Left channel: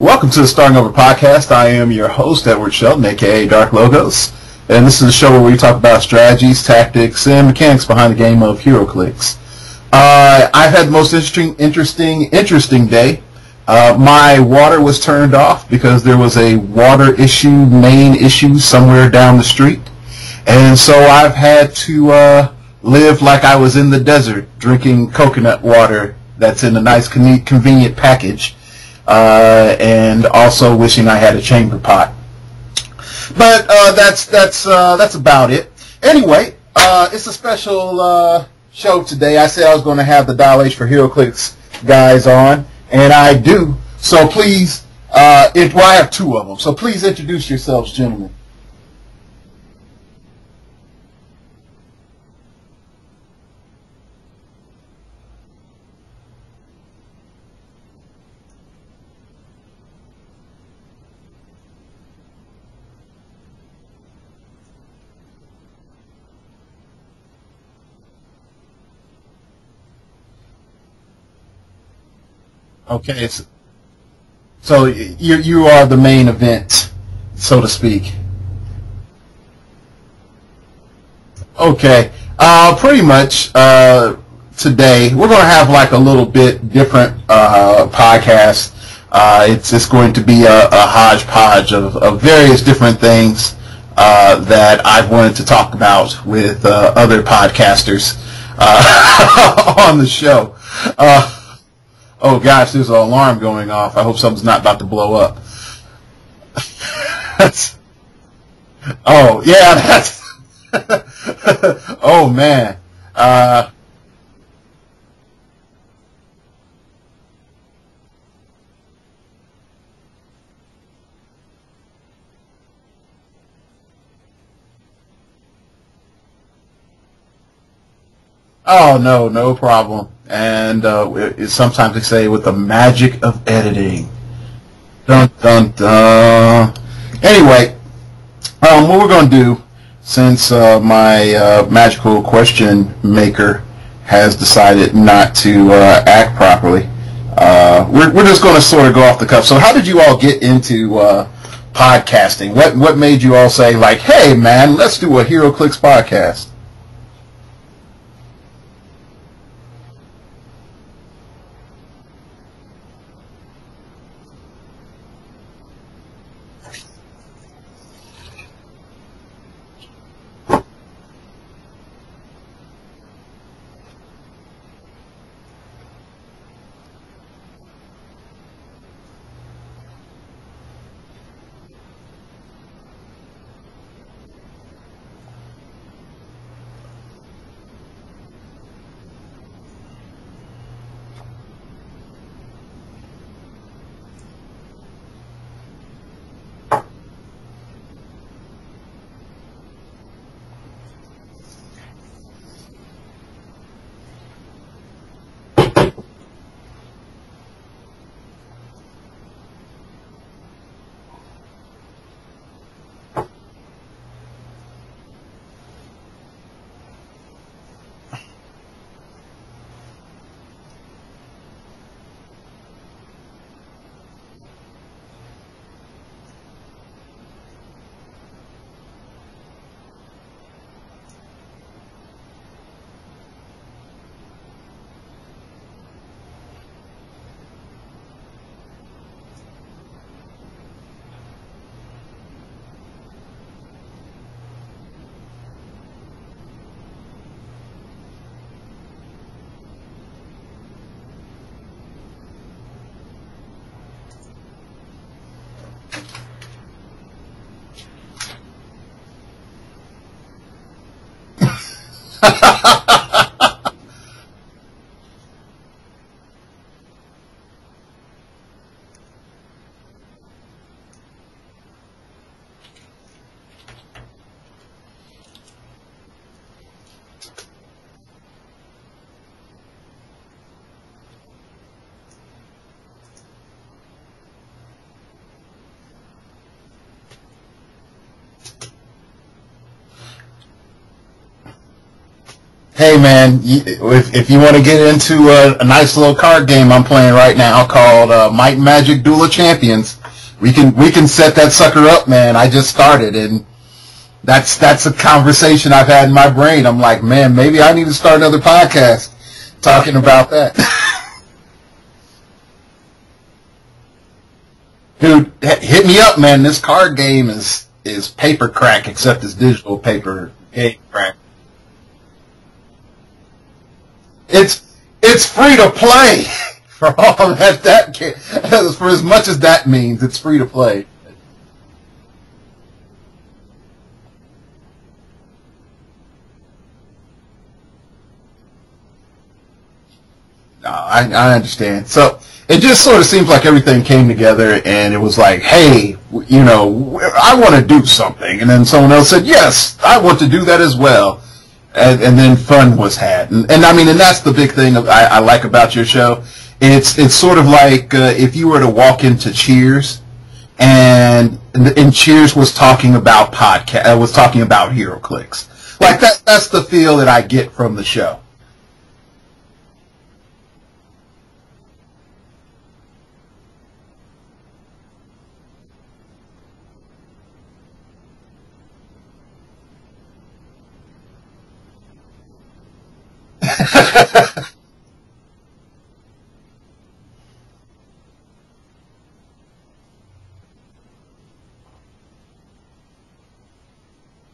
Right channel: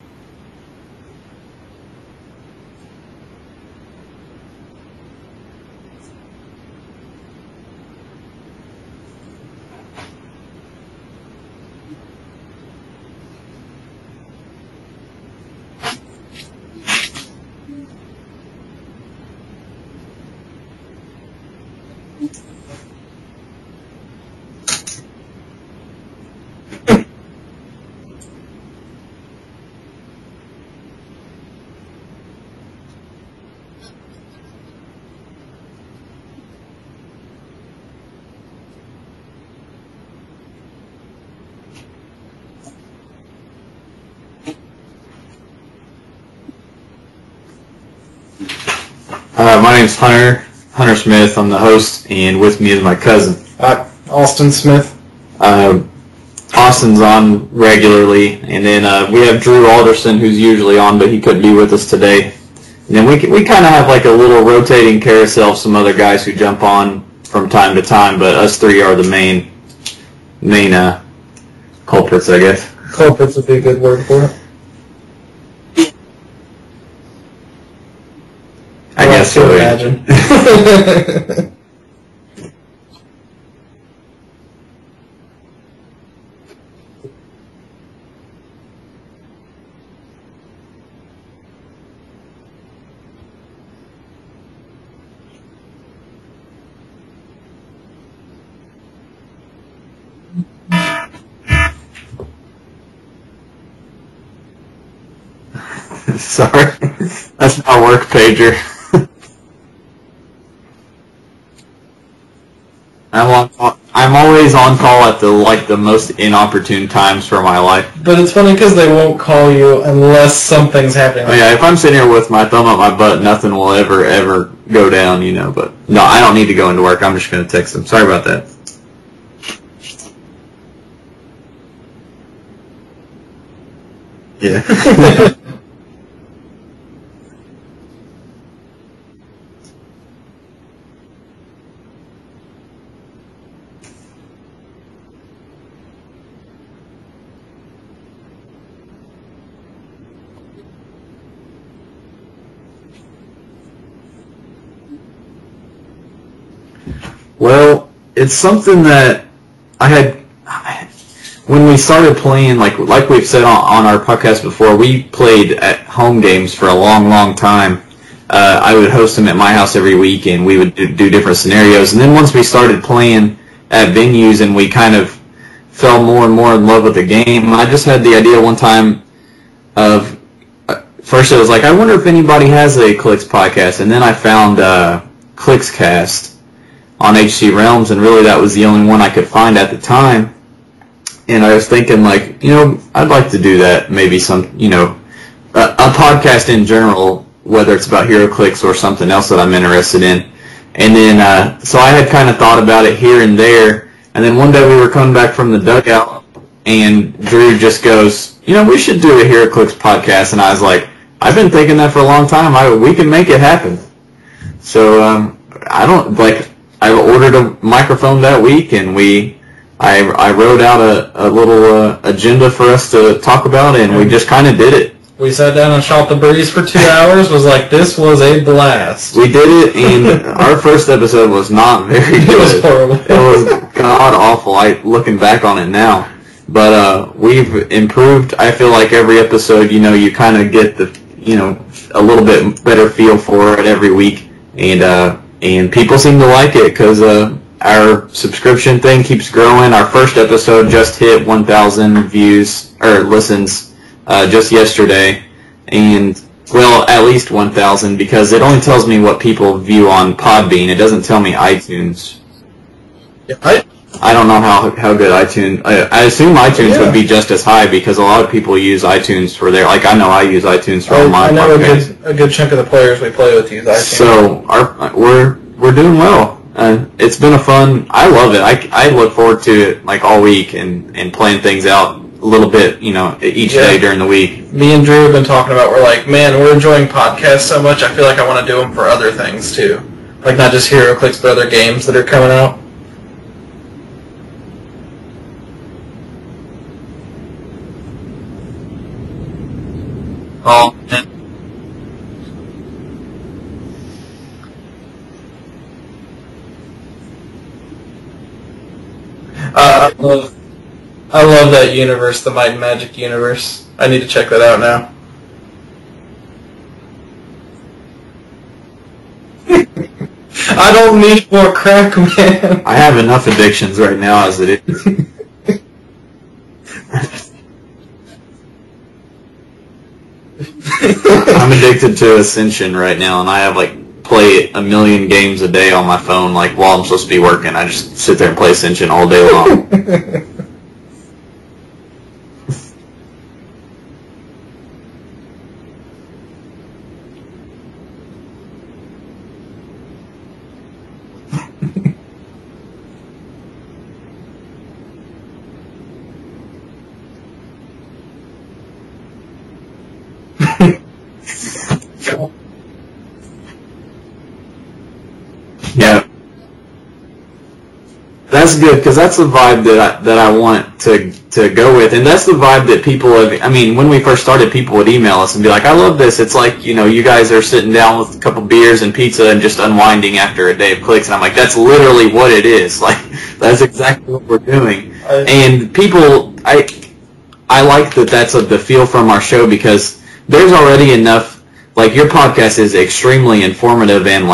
Welcome to the Starting Over podcast. I am your host, Edward Sheldon, aka Dark Logos, and this is a show where we talk about strategies, tactics, and mechanics behind the game of heroclix. I've had the most interesting day. My water was turned off because there was a water issue, main issue somewhere down the street, and so I've had to live like I was in the desert, drinking coconut water that's in a nice, convenient package. And also wishing I had a chamber pot. But that's about it. Anyway, it's a special show today. I said I was going to have the Dial H for Heroclix guys on, and I do. So please, I have two of them. So please introduce yourselves, gentlemen. My name's Hunter Smith. I'm the host, and with me is my cousin, Austin Smith. Austin's on regularly, and then we have Drew Alderson, who's usually on, but he couldn't be with us today. And then we kind of have like a little rotating carousel of some other guys who jump on from time to time, but us three are the main culprits, I guess. Culprits would be a good word for it. So you are the main event, so to speak. I guess so. Imagine. Okay. Pretty much. Today we're going to have like a little bit different podcast. It's going to be a hodgepodge of various different things that I've wanted to talk about with other podcasters on the show. Oh gosh, there's an alarm going off. I hope something's not about to blow up. Sorry, that's my work pager. Oh yeah, that's. Oh man. I'm always on call at the most inopportune times for my life. But it's funny because they won't call you unless something's happening. Oh, yeah, if I'm sitting here with my thumb up my butt, nothing will ever go down, But no, I don't need to go into work. I'm just going to text them. Sorry about that. Oh, no problem. And sometimes they say with the magic of editing. Yeah. Dun, dun, dun. Anyway, what we're going to do, since my magical question maker has decided not to act properly, we're just going to sort of go off the cuff. So how did you all get into podcasting? What made you all say, like, hey, man, let's do a heroclix podcast? Well, it's something that I had... When we started playing, like we've said on our podcast before, we played at home games for a long time. I would host them at my house every week, and we would do different scenarios. And then once we started playing at venues and we kind of fell more and more in love with the game, I just had the idea one time of, first it was like, I wonder if anybody has a Clix podcast, and then I found Clixcast on HC Realms, and really that was the only one I could find at the time. And I was thinking, like, I'd like to do that, maybe some, a podcast in general, whether it's about heroclix or something else that I'm interested in. And then, so I had kind of thought about it here and there, and then one day we were coming back from the dugout, and Drew just goes, we should do a heroclix podcast, and I was like, I've been thinking that for a long time. We can make it happen. So, I ordered a microphone that week, and I wrote out a little agenda for us to talk about, and we just kind of did it. We sat down and shot the breeze for 2 hours. Was like, this was a blast. We did it, and our first episode was not very good. It was horrible. It was god awful. Looking back on it now, but we've improved. I feel like every episode, you kind of get a little bit better feel for it every week, and people seem to like it because our subscription thing keeps growing. Our first episode just hit 1,000 views or listens. Just yesterday, and, well, at least 1,000, because it only tells me what people view on Podbean. It doesn't tell me iTunes. I don't know how good iTunes... I assume iTunes would be just as high, because a lot of people use iTunes for their... Like, I know I use iTunes for my podcast. A good chunk of the players we play with use iTunes. So, we're doing well. It's been a fun... I love it. I look forward to it, like, all week, and playing things out a little bit, each day during the week. Me and Drew have been talking about, we're like, man, we're enjoying podcasts so much, I feel like I want to do them for other things, too. Like, not just heroclix, but other games that are coming out. Hey man, if you want to get into a nice little card game I'm playing right now called Might and Magic Duel of Champions, we can set that sucker up, man. I just started, and that's a conversation I've had in my brain. I'm like, man, maybe I need to start another podcast talking about that. I love that universe, the Might and Magic universe. I need to check that out now. Dude, hit me up, man. This card game is paper crack, except it's digital paper. I don't need more crack, man. I have enough addictions right now as it is. It's free to play. For all for as much as that means, it's free to play. I'm addicted to Ascension right now, and I have play 1 million games a day on my phone. While I'm supposed to be working, I just sit there and play Ascension all day long. No, I understand. So it just sort of seems like everything came together, and it was like, hey, I want to do something, and then someone else said, yes, I want to do that as well, and then fun was had, and that's the big thing I like about your show. It's sort of like if you were to walk into Cheers, and Cheers was talking about Heroclix. Yeah. That's the feel that I get from the show. That's good, because that's the vibe that I want to go with, and that's the vibe that people have. I mean, when we first started, people would email us and be like, I love this. It's like, you guys are sitting down with a couple beers and pizza and just unwinding after a day of clicks, and I'm like, that's literally what it is. That's exactly what we're doing. And people, I like that that's the feel from our show, because there's already enough, your podcast is extremely informative, and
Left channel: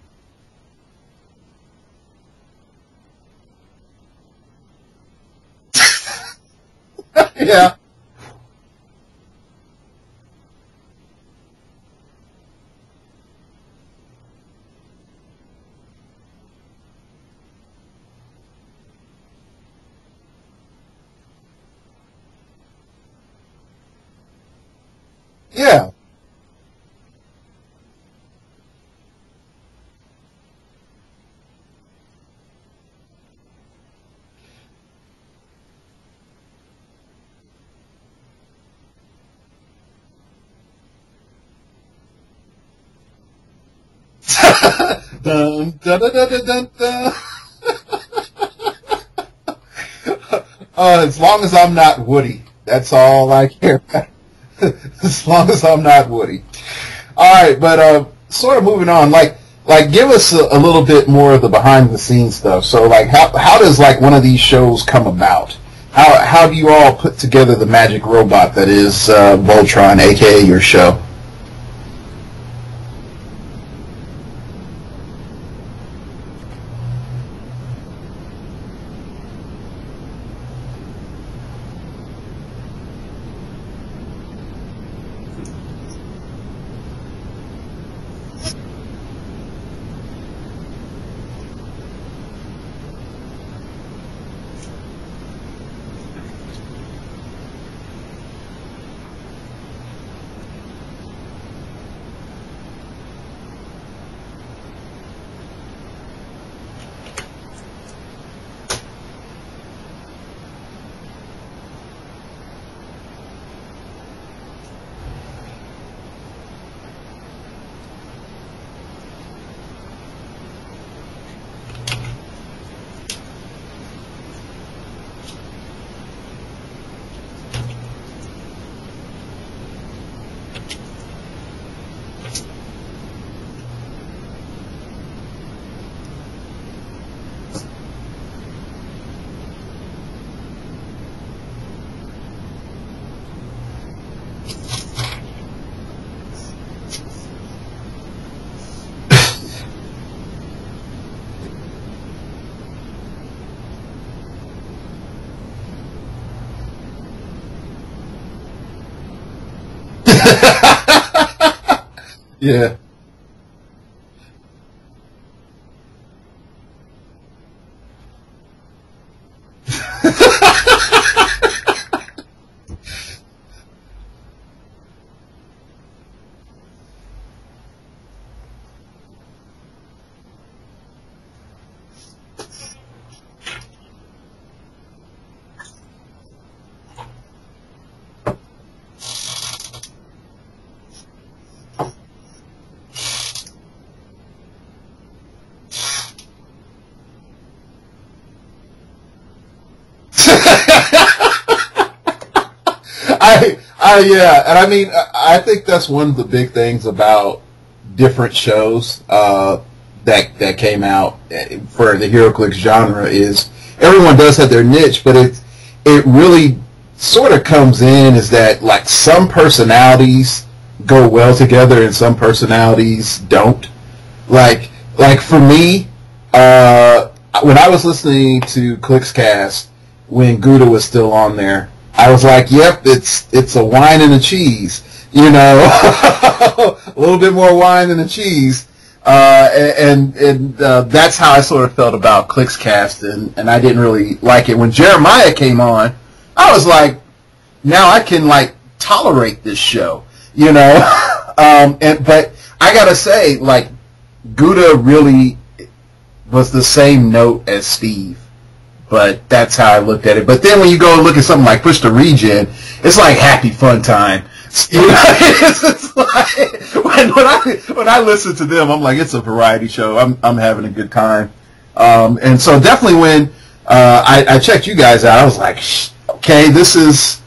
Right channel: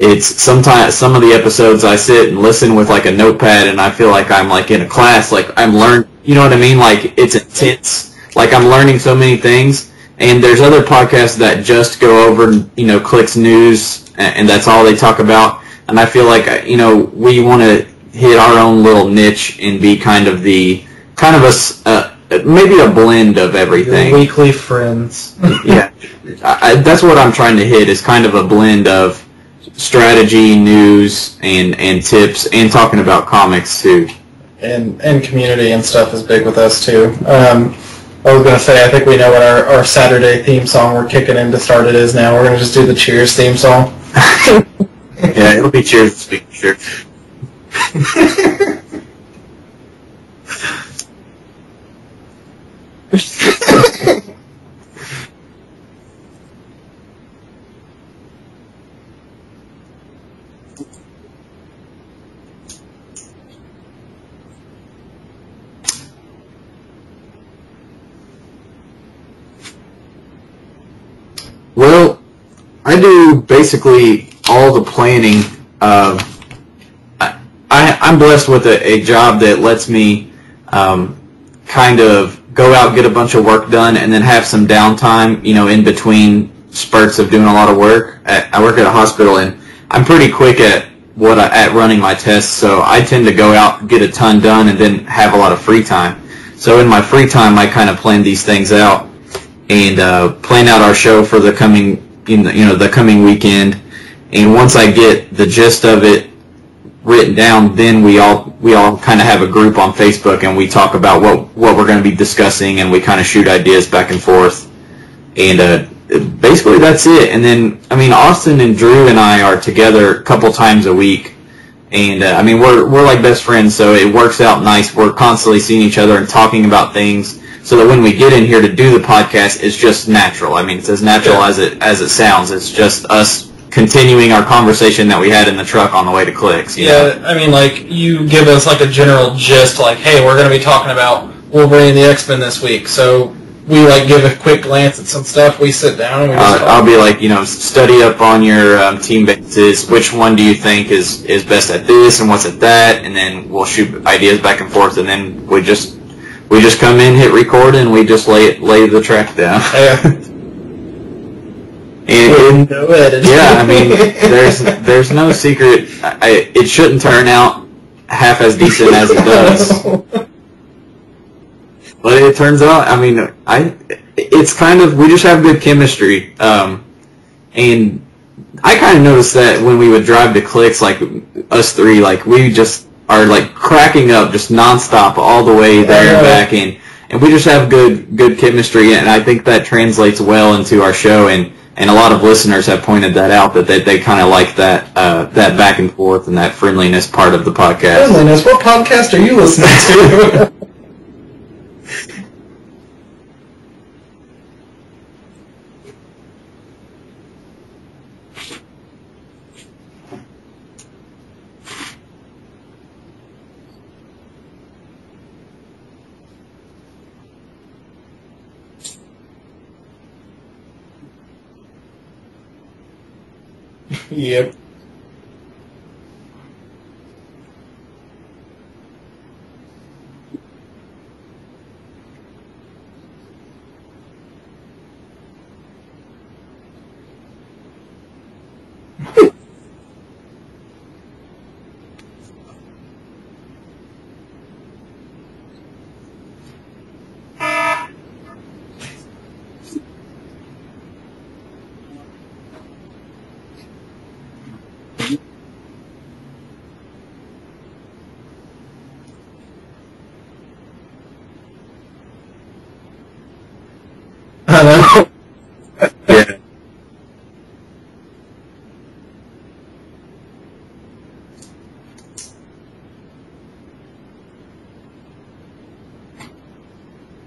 it's sometimes some of the episodes I sit and listen with a notepad, and I feel like I'm in a class, I'm learning, you know what I mean? It's intense. I'm learning so many things, and there's other podcasts that just go over, clicks news, and that's all they talk about, and I feel like, we want to hit our own little niche and be maybe a blend of everything. Your weekly friends. Yeah. That's what I'm trying to hit, is kind of a blend of strategy, news, and tips, and talking about comics too. And community and stuff is big with us too. I was going to say, I think we know what our Saturday theme song we're kicking in to start it is now. We're going to just do the Cheers theme song. Yeah, it'll be Cheers. As long as I'm not Woody. That's all I say. As long as I'm not Woody. All right, but sort of moving on, give us a little bit more of the behind-the-scenes stuff. So, how does, one of these shows come about? How do you all put together the magic robot that is Voltron, a.k.a. your show? Well, I do basically all the planning. I'm blessed with a job that lets me kind of go out, get a bunch of work done, and then have some downtime, in between spurts of doing a lot of work. I work at a hospital, and I'm pretty quick at running my tests, so I tend to go out, get a ton done, and then have a lot of free time. So in my free time, I kind of plan these things out and plan out our show for the coming weekend. And once I get the gist of it written down, then we all kind of have a group on Facebook, and we talk about what we're going to be discussing, and we kind of shoot ideas back and forth. And basically that's it. And then, Austin and Drew and I are together a couple times a week, and we're like best friends, so it works out nice. We're constantly seeing each other and talking about things, so that when we get in here to do the podcast, it's just natural. It's as natural as it sounds. It's just us continuing our conversation that we had in the truck on the way to Clicks. You know? You give us a general gist, hey, we're going to be talking about Wolverine and the X-Men this week, so we give a quick glance at some stuff. We sit down and we just I'll be study up on your team bases. Which one do you think is best at this and what's at that? And then we'll shoot ideas back and forth. And then we just come in, hit record, and we just lay the track down. And no edit. Yeah, there's no secret. It shouldn't turn out half as decent as it does. But it turns out, it's kind of, we just have good chemistry. And I kind of noticed that when we would drive to Clicks, us three, we just are, cracking up just nonstop all the way there and back. And we just have good chemistry, and I think that translates well into our show. And And a lot of listeners have pointed that out, that they kind of like that that back and forth and that friendliness part of the podcast. Friendliness? What podcast are you listening to? Yeah, and I mean, I think that's one of the big things about different shows that came out for the heroclix genre is everyone does have their niche, but it really sort of comes in is that like some personalities go well together and some personalities don't. Yeah. Like for me, when I was listening to Clixcast when Gouda was still on there, I was like, yep, it's a wine and a cheese, you know, a little bit more wine than a cheese. And that's how I sort of felt about Clixcast, and I didn't really like it. When Jeremiah came on, I was like, now I can like tolerate this show, you know. But I gotta say, like, Gouda really was the same note as Steve, but that's how I looked at it. But then when you go and look at something like Push the Regen, it's like happy fun time. It's like, when I listen to them, I'm like, it's a variety show. I'm having a good time. And so definitely when I checked you guys out, I was like, okay, this is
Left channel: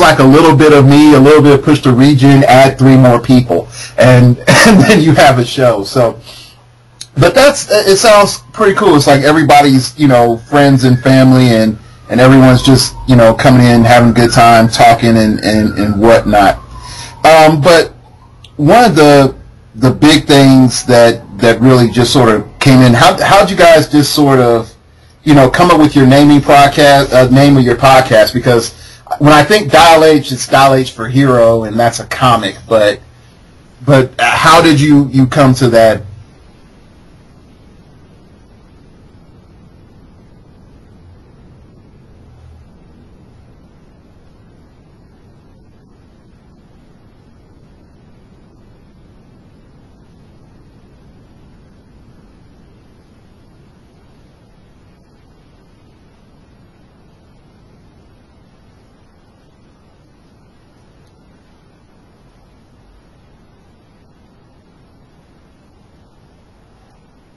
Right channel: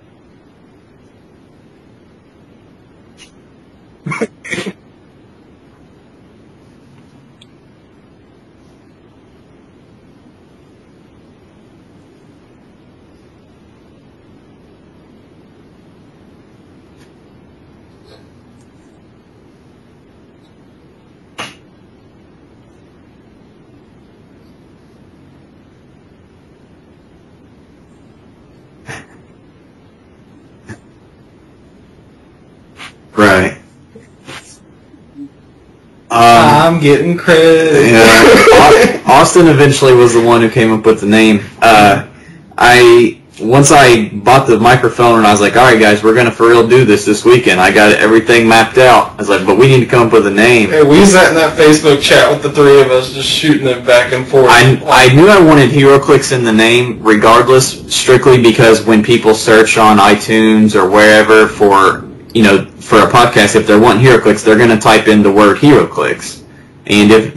like a little bit of me, a little bit of Push the Regen, add 3 more people, and then you have a show. So, but it sounds pretty cool. It's like everybody's, you know, friends and family, and everyone's just, you know, coming in, having a good time, talking and whatnot. But one of the big things that really just sort of came in, how'd you guys just sort of, you know, come up with your name of your podcast? Because when I think Dial H, it's Dial H for Hero, and that's a comic, but right. But how did you come to that? I'm getting credit. Yeah. Austin eventually was the one who came up with the name. Once I bought the microphone and I was like, all right, guys, we're going to for real do this weekend. I got everything mapped out. I was like, but we need to come up with a name. Hey, we sat in that Facebook chat with the 3 of us just shooting it back and forth. I knew I wanted heroclix in the name regardless, strictly because when people search on iTunes or wherever for, you know, for a podcast, if they're wanting heroclix, they're going to type in the word heroclix. And if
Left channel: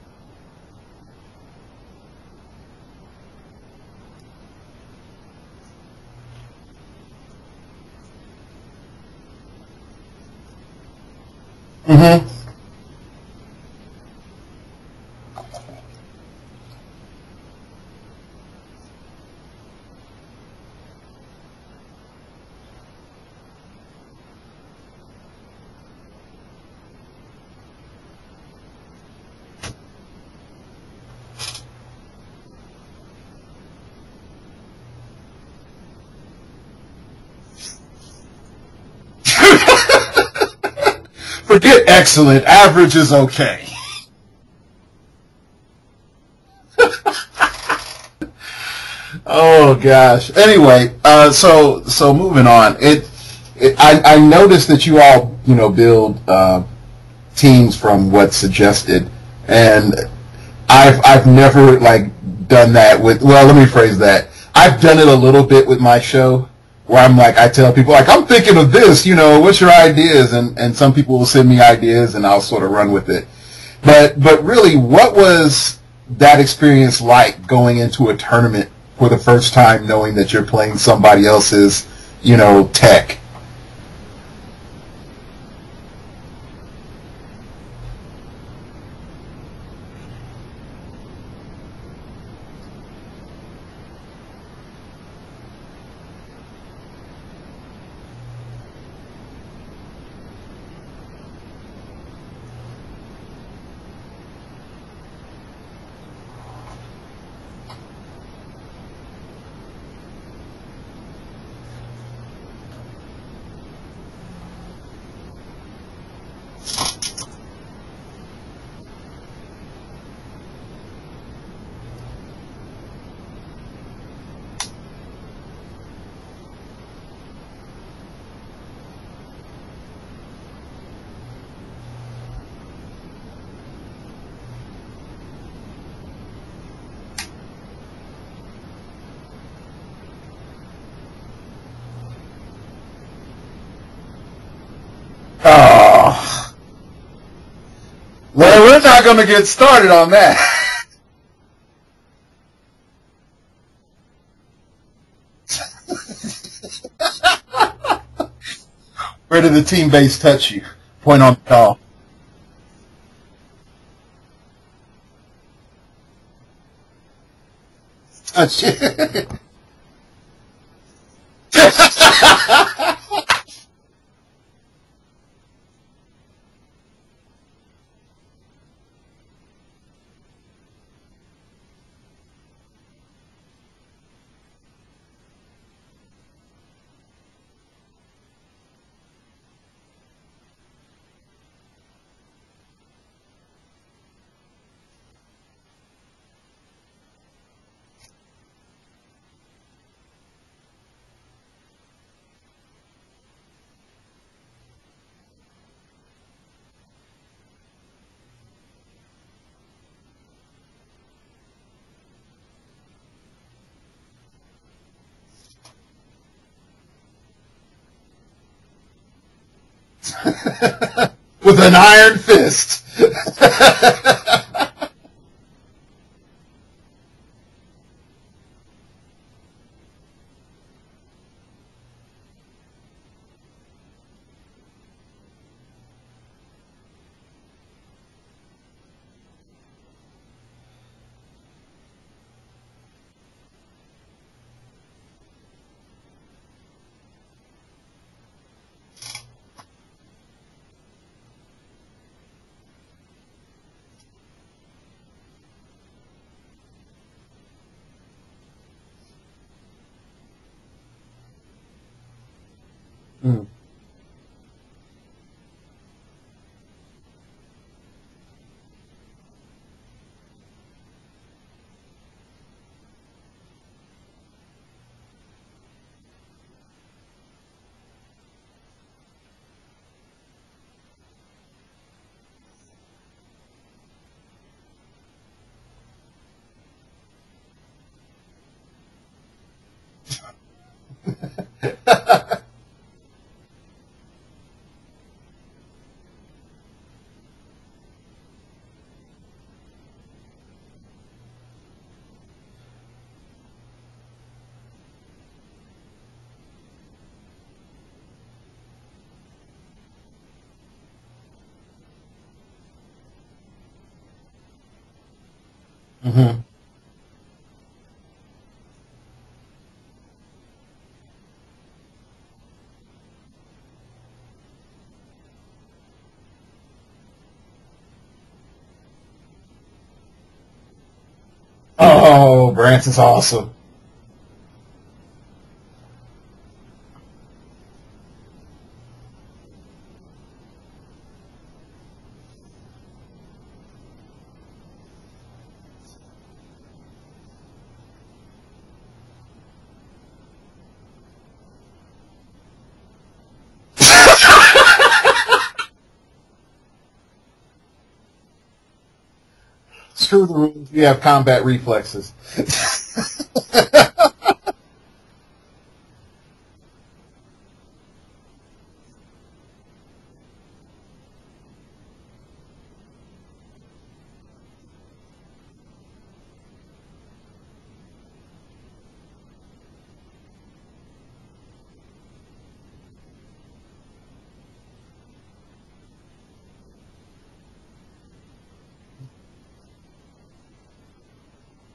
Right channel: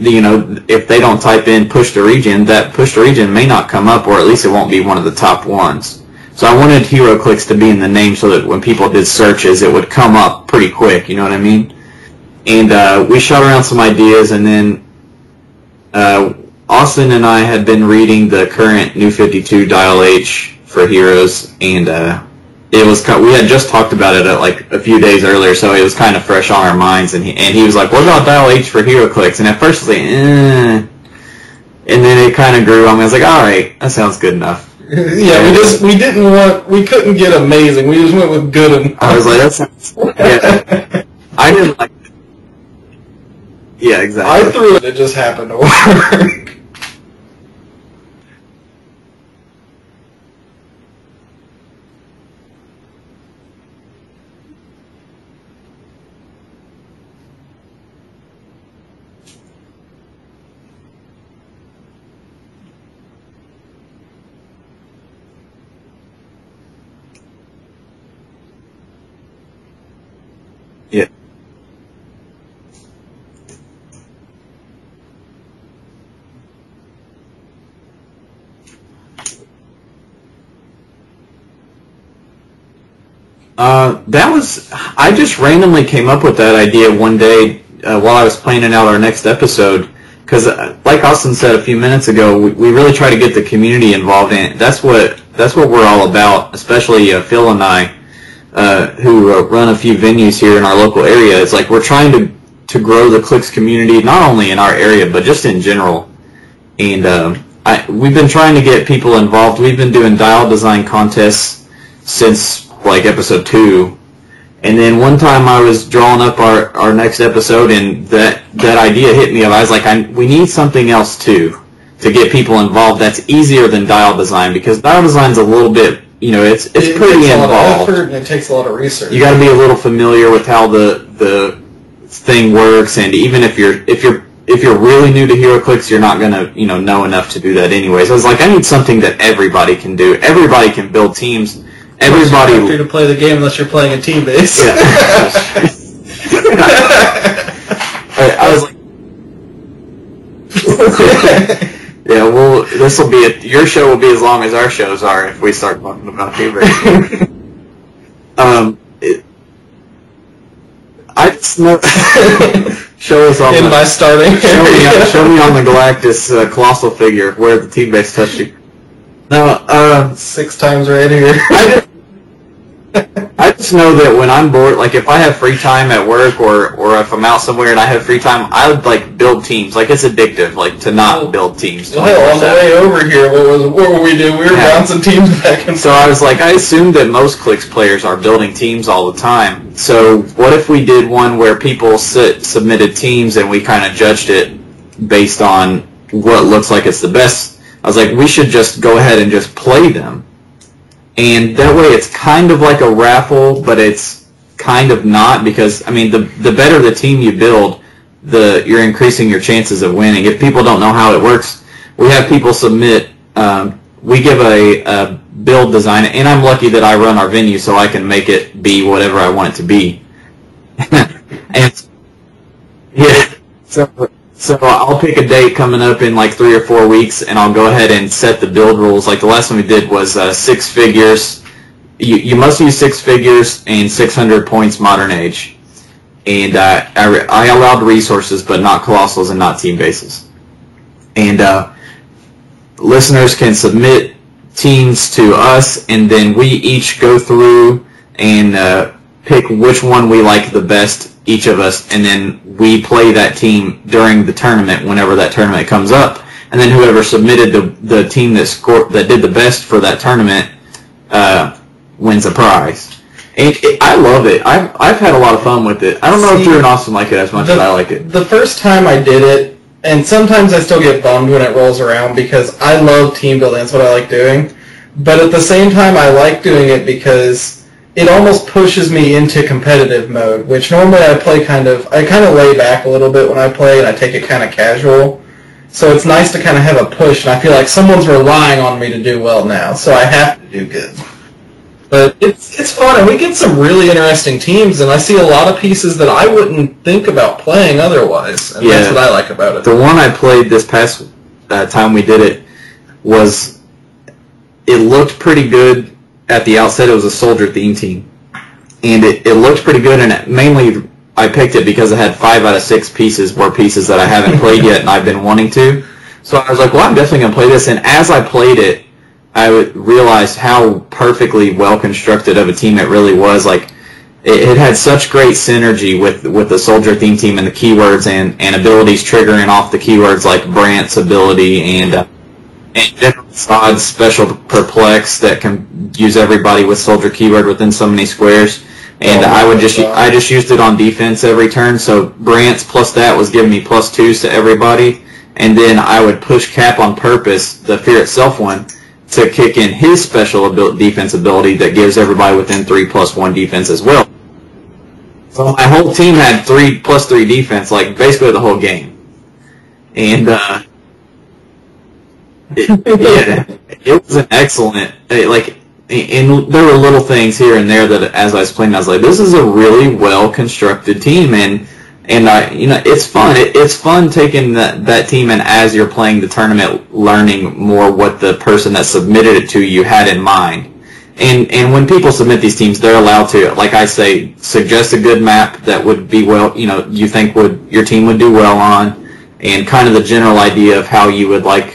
they don't type in Push the Regen, that Push the Regen may not come up, or at least it won't be one of the top ones. So I wanted heroclix to be in the name so that when people did searches, it would come up pretty quick. You know what I mean? Mm-hmm. And we shot around some ideas, and then Austin and I had been reading the current New 52 Dial H for Heroes, and it was we had just talked about it like a few days earlier, so it was kind of fresh on our minds. And he was like, "What about Dial H for heroclix?" And at first I was like, and then it kind of grew on me. I was like, "All right, that sounds good enough." Yeah, we couldn't get amazing. We just went with good enough. I was like, yeah. I didn't get excellent. Average is okay. Yeah, exactly. I threw it. It just happened to work. Oh gosh. Anyway, so moving on. I noticed that you all, you know, build teams from what's suggested, and I've never like done that with. Well, let me phrase that. I've done it a little bit with my show, where I'm like, I tell people like, I'm thinking of this. You know, what's your ideas? And some people will send me ideas, and I'll sort of run with it. But really, what was that experience like going into a tournament for the first time, knowing that you're playing somebody else's, you know, tech? I just randomly came up with that idea one day while I was planning out our next episode, because like Austin said a few minutes ago, we really try to get the community involved in it. That's what we're all about, especially Phil and I, who run a few venues here in our local area. It's like we're trying to grow the Clix community, not only in our area, but just in general. And we've been trying to get people involved. We've been doing dial design contests since like episode 2, and then one time I was drawing up our next episode, and that idea hit me. I was like, we need something else too to get people involved. That's easier than dial design, because dial design's a little bit, you know, it's pretty involved. A lot of effort, and it takes a lot of research. You got to be a little familiar with how the thing works, and even if you're really new to heroclix, you're not gonna know enough to do that anyways. I was like, I need something that everybody can do. Everybody can build teams. everybody You're to play the game unless you're playing a team base. Yeah. Well, we're not going to get started on that. Yeah, well, this will be your show will be as long as our shows are if we start talking about team base. Where did the team base touch you? Show us on by starting. Show me on the Galactus colossal figure where the team base touched you. No, 6 times right here. I just know that when I'm bored, like if I have free time at work or if I'm out somewhere and I have free time, I would like build teams. Like it's addictive, like to not build teams. Well, on the way over here, what were we doing? We were bouncing teams back and forth. So I was like, I assumed that most Clicks players are building teams all the time. So what if we did one where people submitted teams and we kind of judged it based on what looks like it's the best? I was like, we should just go ahead and just play them. And that way it's kind of like a raffle, but it's kind of not because, I mean, the better the team you build, you're increasing your chances of winning. If people don't know how it works, we have people submit, we give a build design, and I'm lucky that I run our venue so I can make it be whatever I want it to be. With an iron fist. Yeah. So I'll pick a date coming up in like 3 or 4 weeks, and I'll go ahead and set the build rules. Like the last one we did was 6 figures. You must use 6 figures and 600 points modern age. And I allowed resources, but not colossals and not team bases. And listeners can submit teams to us, and then we each go through and pick which one we like the best, each of us, and then we play that team during the tournament whenever that tournament comes up, and then whoever submitted the team that did the best for that tournament wins a prize. And I love it. I've had a lot of fun with it. I don't know if Drew and Austin like it as much as I like it. The first time I did it, and sometimes I still get bummed when it rolls around because I love team building. That's what I like doing. But at the same time, I like doing it because it almost pushes me into competitive mode, which normally I kind of lay back a little bit when I play, and I take it kind of casual. So it's nice to kind of have a push, and I feel like someone's relying on me to do well now, so I have to do good. But it's fun, and we get some really interesting teams, and I see a lot of pieces that I wouldn't think about playing otherwise, and that's what I like about it. The one I played this past time we did it it looked pretty good. At the outset, it was a soldier theme team, and it looked pretty good. And mainly, I picked it because it had 5 out of 6 pieces were pieces that I haven't played yet, and I've been wanting to. Mm-hmm. So I was like, well, I'm definitely gonna play this. And as I played it, I realized how perfectly well constructed of a team it really was. Like it had such great synergy with the soldier theme team and the keywords and abilities triggering off the keywords like Brant's ability and Brant is awesome. Sod's special perplex that can use everybody with soldier keyword within so many squares. And I just used it on defense every turn. So Brant's plus that was giving me +2s to everybody, and then I would push Cap on purpose, the Fear Itself one, to kick in his special defense ability that gives everybody within 3+1 defense as well. So my whole team had 3+3 defense, like basically the whole game. And you have combat reflexes. It was an excellent, and there were little things here and there that as I was playing, I was like, this is a really well constructed team, and it's fun. It's fun taking that team and as you're playing the tournament, learning more what the person that submitted it to you had in mind. And when people submit these teams, they're allowed to, like I say, suggest a good map that would be you think your team would do well on, and kind of the general idea of how you would like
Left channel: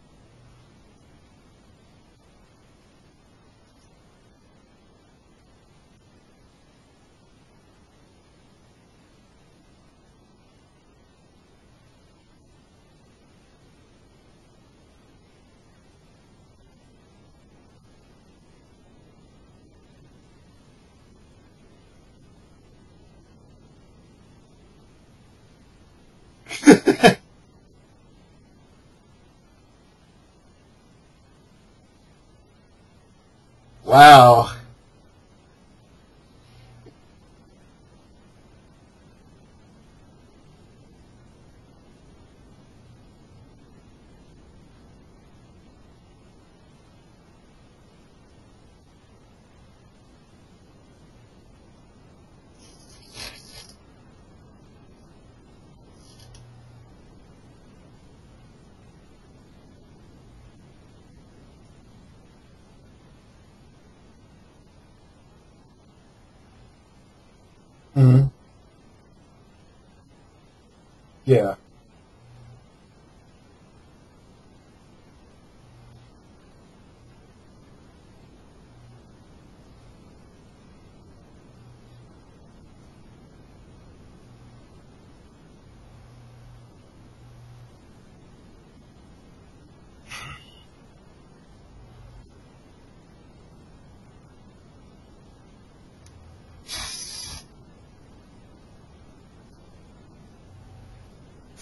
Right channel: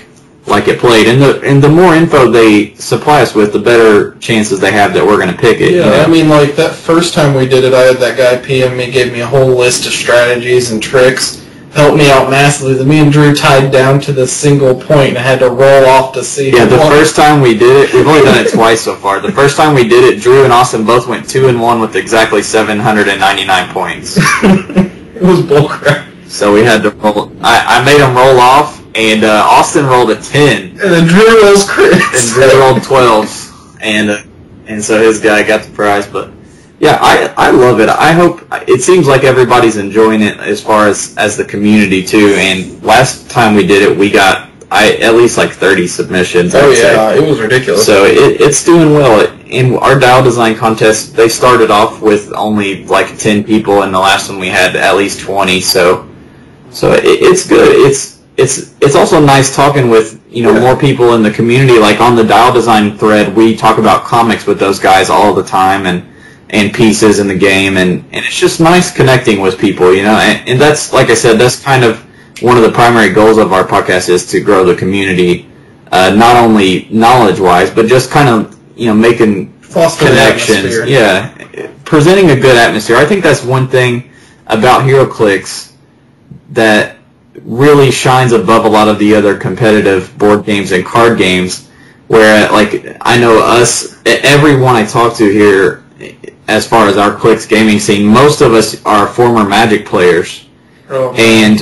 it played. And the more info they supply us with, the better chances they have that we're going to pick it. Yeah, I mean, like that first time we did it, I had that guy PM me, gave me a whole list of strategies and tricks, helped me out massively. Then me and Drew tied down to the single point, and I had to roll off to see. Yeah, the first time we did it, we've only done it twice so far. The first time we did it, Drew and Austin both went 2-1 with exactly 799 points. It was bullcrap. So we had to roll. I made him roll off, and Austin rolled a 10. And then Drew rolls crits. And Drew rolled 12s. And so his guy got the prize. But yeah, I love it. I hope it seems like everybody's enjoying it as far as the community too. And last time we did it, we got at least like 30 submissions. Oh yeah, it was ridiculous. So it's doing well. in our dial design contest, they started off with only like 10 people, and the last one we had at least 20. So it's good. It's also nice talking with more people in the community. Like on the dial design thread, we talk about comics with those guys all the time and pieces in the game, and it's just nice connecting with people. And that's, like I said, that's kind of one of the primary goals of our podcast, is to grow the community, not only knowledge-wise, but just kind of making connections. Yeah, presenting a good atmosphere. I think that's one thing about HeroClix that really shines above a lot of the other competitive board games and card games, where like I know everyone I talk to here, as far as our Clix gaming scene, most of us are former Magic players. Oh. And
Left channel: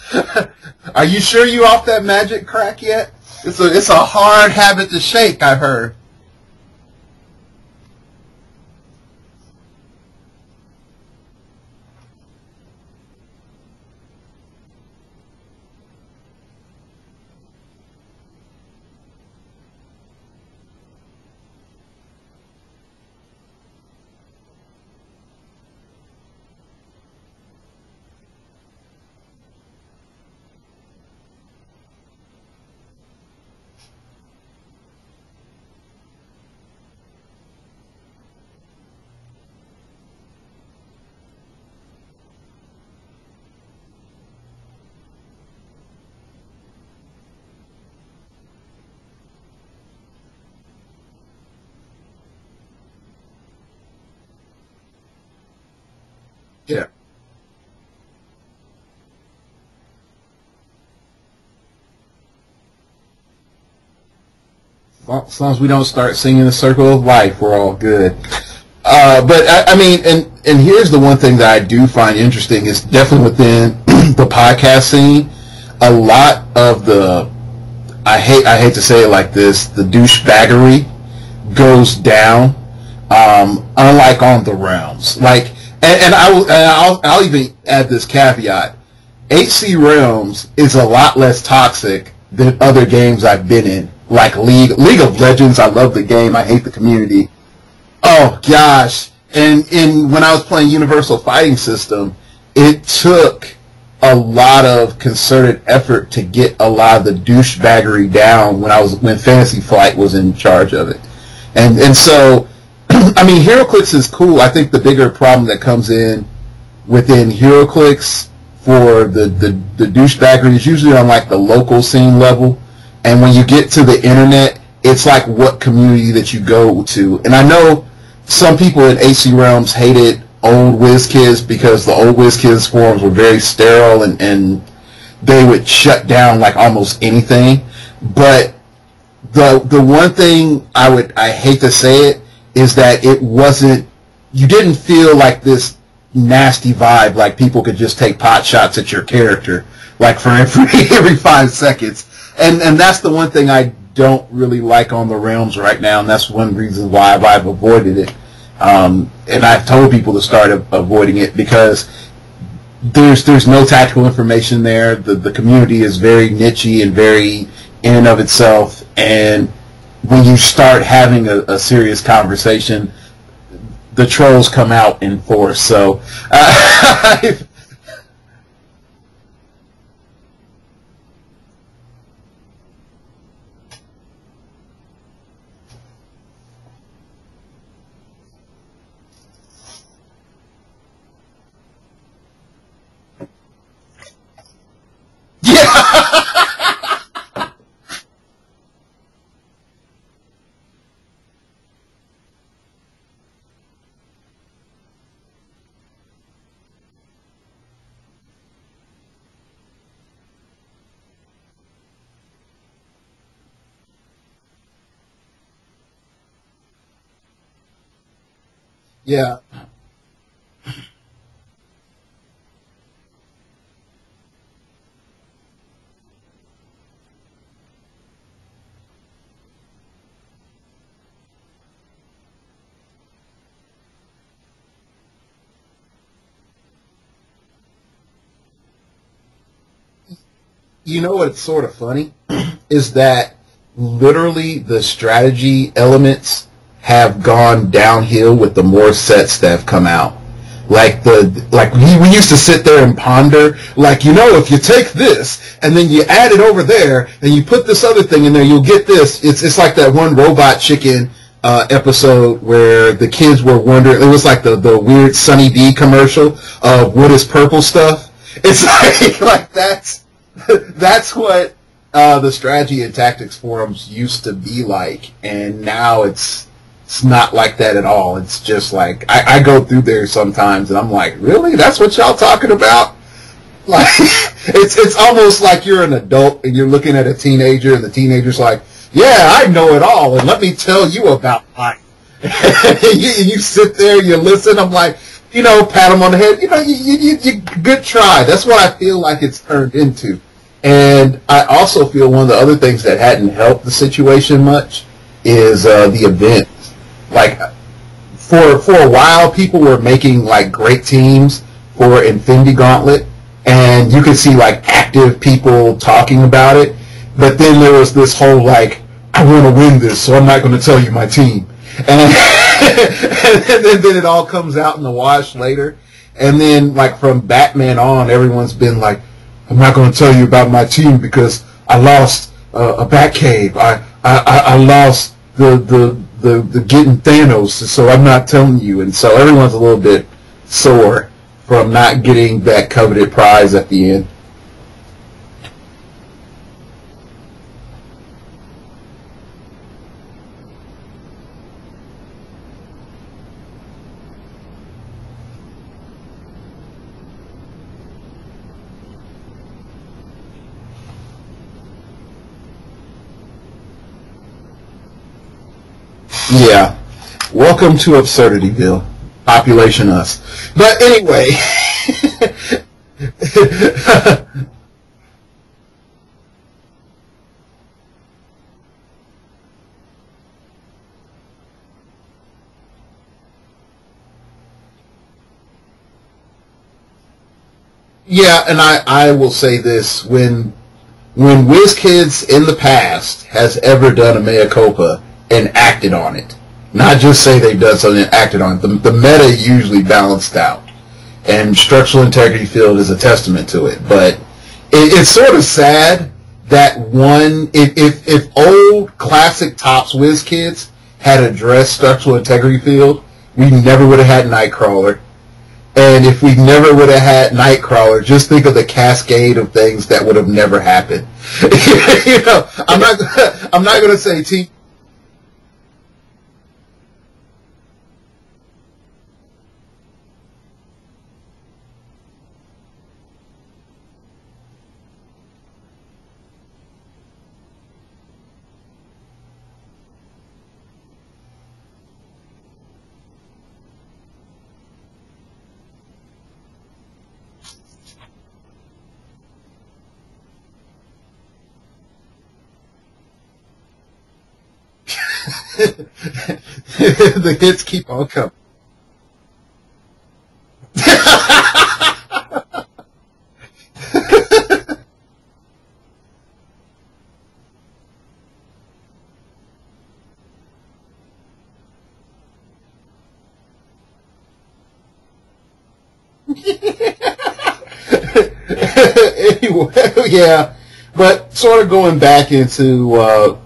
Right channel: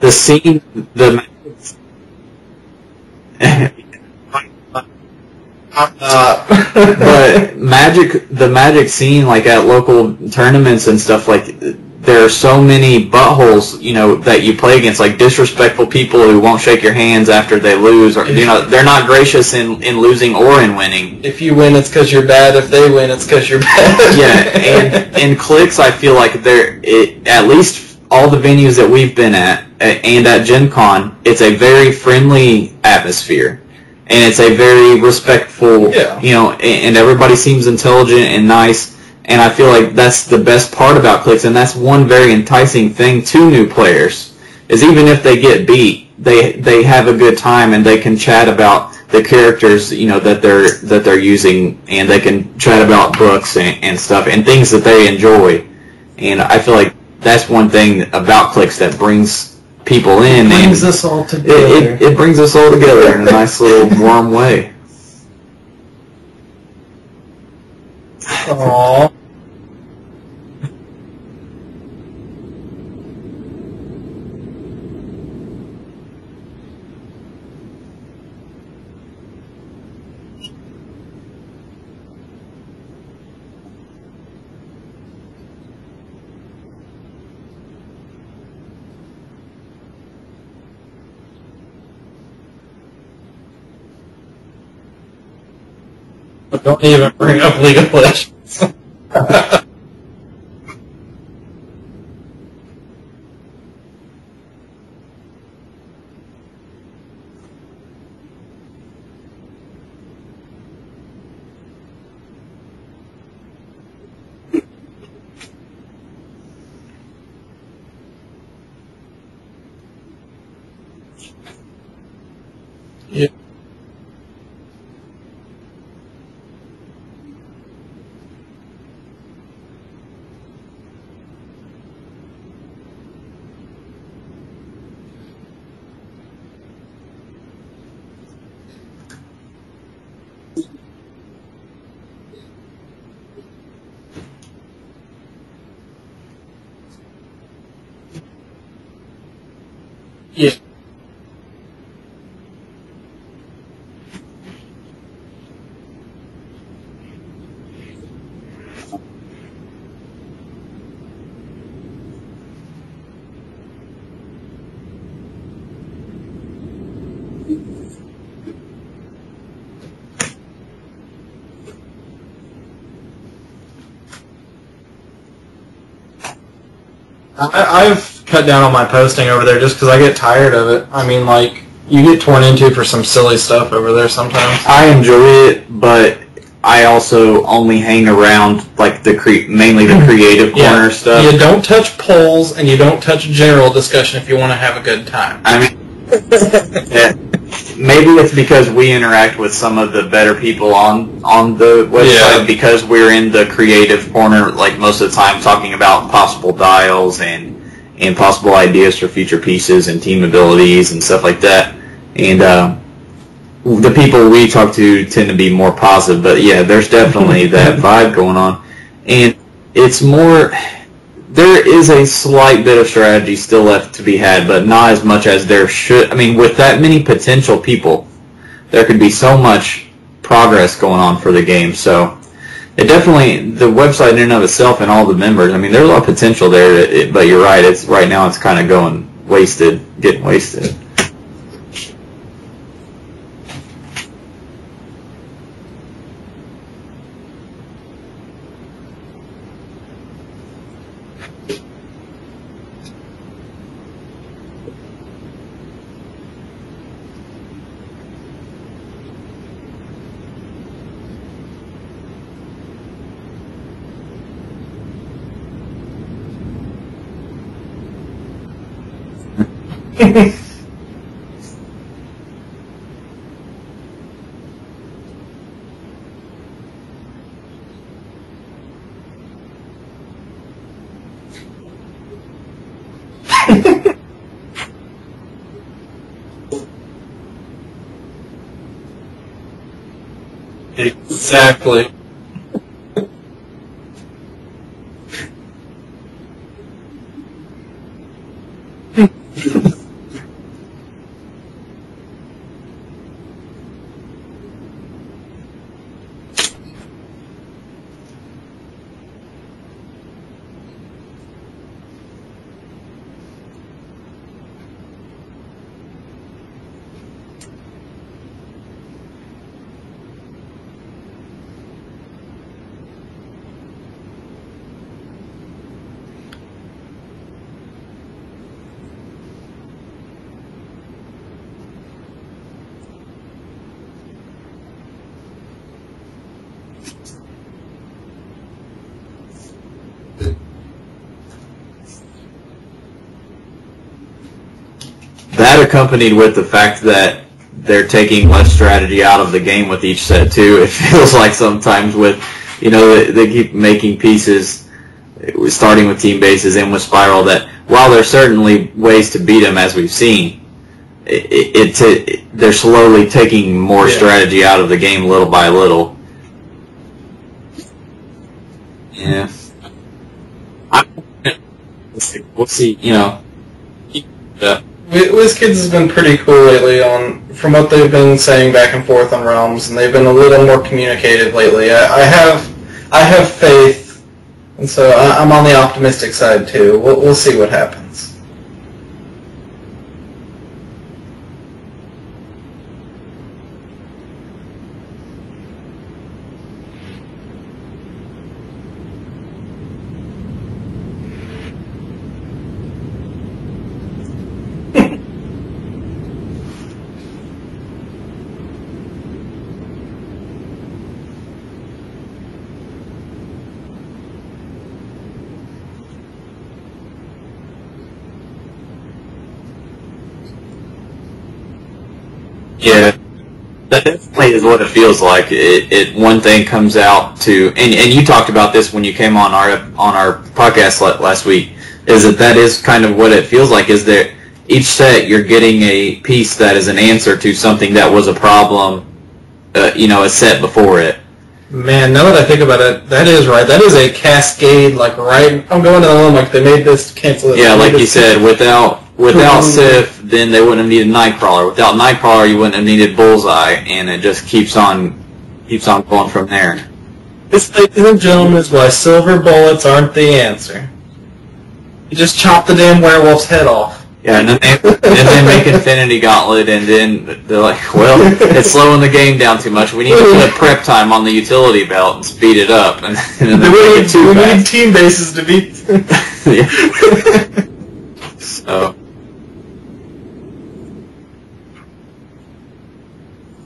the scene... Are you sure you off that Magic crack yet? It's a hard habit to shake, I've heard. But the Magic scene, like at local tournaments and stuff, like there are so many buttholes, that you play against, like disrespectful people who won't shake your hands after they lose, or they're not gracious in losing or in winning. If you win, it's because you're bad. If they win, it's because you're bad. Yeah, and in Clix, I feel like at least all the venues that we've been at and at Gen Con, it's a very friendly atmosphere, and it's a very respectful, and everybody seems intelligent and nice. And I feel like that's the best part about Clix, and that's one very enticing thing to new players, is even if they get beat, they have a good time, and they can chat about the characters, that they're using, and they can chat about books and stuff and things that they enjoy. And I feel like that's one thing about Clix that brings people in. It brings us all together. It brings us all together in a nice little warm way. Well, as long as we don't start singing the Circle of Life, we're all good. But I mean, and here's the one thing that I do find interesting is definitely within the podcast scene, a lot of the, I hate to say it like this, the douchebaggery goes down, unlike on the Realms. Like, and I'll even add this caveat: HC Realms is a lot less toxic than other games I've been in. Like League of Legends, I love the game. I hate the community. Don't even bring up League of Legends. Oh gosh! And when I was playing Universal Fighting System, it took a lot of concerted effort to get a lot of the douchebaggery down when Fantasy Flight was in charge of it, and so I mean, HeroClix is cool. I think the bigger problem that comes in within HeroClix for the douchebaggery is usually on like the local scene level. And when you get to the internet, it's like what community that you go to. And I know some people in AC Realms hated old WizKids because the old WizKids forums were very sterile and they would shut down like almost anything. But the one thing I hate to say it is that you didn't feel like this nasty vibe, like people could just take pot shots at your character, like for every 5 seconds. And that's the one thing I don't really like on the Realms right now, and that's one reason why I've avoided it. And I've told people to start avoiding it because there's no tactical information there. The community is very niche-y and very in and of itself, and when you start having a serious conversation, the trolls come out in force. So I've cut down on my posting over there just because I get tired of it. I mean, like, you get torn into for some silly stuff over there sometimes. I enjoy it, but I also only hang around like mainly the creative corner stuff. You don't touch polls and you don't touch general discussion if you want to have a good time. Maybe it's because we interact with some of the better people on the website because we're in the creative corner like most of the time, talking about possible dials and possible ideas for future pieces and team abilities and stuff like that. And the people we talk to tend to be more positive, but yeah, there's definitely that vibe going on. And it's more, there is a slight bit of strategy still left to be had, but not as much as there should. I mean, with that many potential people, there could be so much progress going on for the game. So it definitely, the website in and of itself and all the members, I mean, there's a lot of potential there, but you're right, right now it's kind of getting wasted. You know what's sort of funny is that literally the strategy elements have gone downhill with the more sets that have come out. Like we used to sit there and ponder, like, if you take this and then you add it over there and you put this other thing in there, you'll get this. It's like that one Robot Chicken episode where the kids were wondering. It was like the weird Sunny D commercial of what is purple stuff. It's like that's what the strategy and tactics forums used to be like, and now it's not like that at all. It's just like I go through there sometimes and I'm like, really? That's what y'all talking about? Like, it's almost like you're an adult and you're looking at a teenager and the teenager's like, yeah, I know it all, and let me tell you about it. And you sit there, you listen. I'm like, pat them on the head. You good try. That's what I feel like it's turned into. And I also feel one of the other things that hadn't helped the situation much is the event. Like, for a while, people were making like great teams for Infinity Gauntlet, and you could see like active people talking about it. But then there was this whole like, I want to win this, so I'm not going to tell you my team. And then it all comes out in the wash later. And then, like, from Batman on, everyone's been like, I'm not going to tell you about my team because I lost a Batcave. I lost the getting Thanos, so I'm not telling you. And so everyone's a little bit sore from not getting that coveted prize at the end. That accompanied with the fact that they're taking less strategy out of the game with each set too. It feels like sometimes with, they keep making pieces, starting with team bases and with Spiral, that while there's certainly ways to beat them as we've seen, they're slowly taking more strategy out of the game little by little. Yeah. Welcome to Absurdityville. Yeah. Population us. But anyway. We'll see, Yeah. WizKids has been pretty cool lately from what they've been saying back and forth on Realms, and they've been a little more communicative lately. I have faith, and so I'm on the optimistic side too. We'll see what happens. Yeah, and I will say this: when WizKids in the past has ever done a mea culpa and acted on it, not just say they've done something and acted on it, the meta usually balanced out, and Structural Integrity Field is a testament to it. But it's sort of sad that if old classic Topps WizKids had addressed Structural Integrity Field, we never would have had Nightcrawler. And if we never would have had Nightcrawler, just think of the cascade of things that would have never happened. I'm not going to say is what it feels like. One thing comes out to, and you talked about this when you came on our podcast last week, is that is kind of what it feels like. Is that each set you're getting a piece that is an answer to something that was a problem, a set before it. Man, now that I think about it, that is right. That is a cascade, like, right? I'm going to the line, like, they made this, cancel this. Yeah, like you said, without Sif, then they wouldn't have needed Nightcrawler. Without Nightcrawler, you wouldn't have needed Bullseye, and it just keeps on going from there. Ladies and gentlemen, is why silver bullets aren't the answer. Just chop the damn werewolf's head off. Yeah, and then they make Infinity Gauntlet, and then they're like, well, it's slowing the game down too much. We need to put prep time on the utility belt and speed it up. And then they make it too fast. We need team bases to beat. So. Anyway, yeah, but sort of going back into,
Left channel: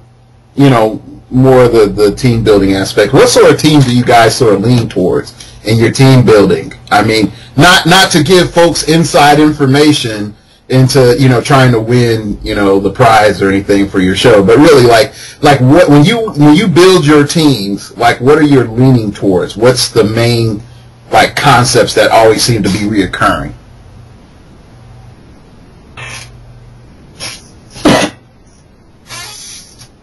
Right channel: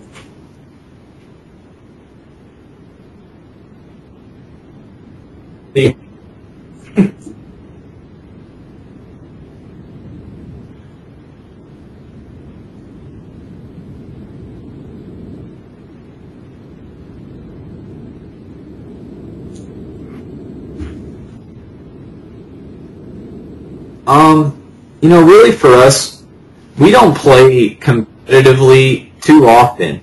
more of the team building aspect. What sort of team do you guys sort of lean towards in your team building? I mean, not to give folks inside information into trying to win the prize or anything for your show, but really like what when you build your teams, like what are you leaning towards? What's the main like concepts that always seem to be reoccurring? Really for us, we don't play competitively too often.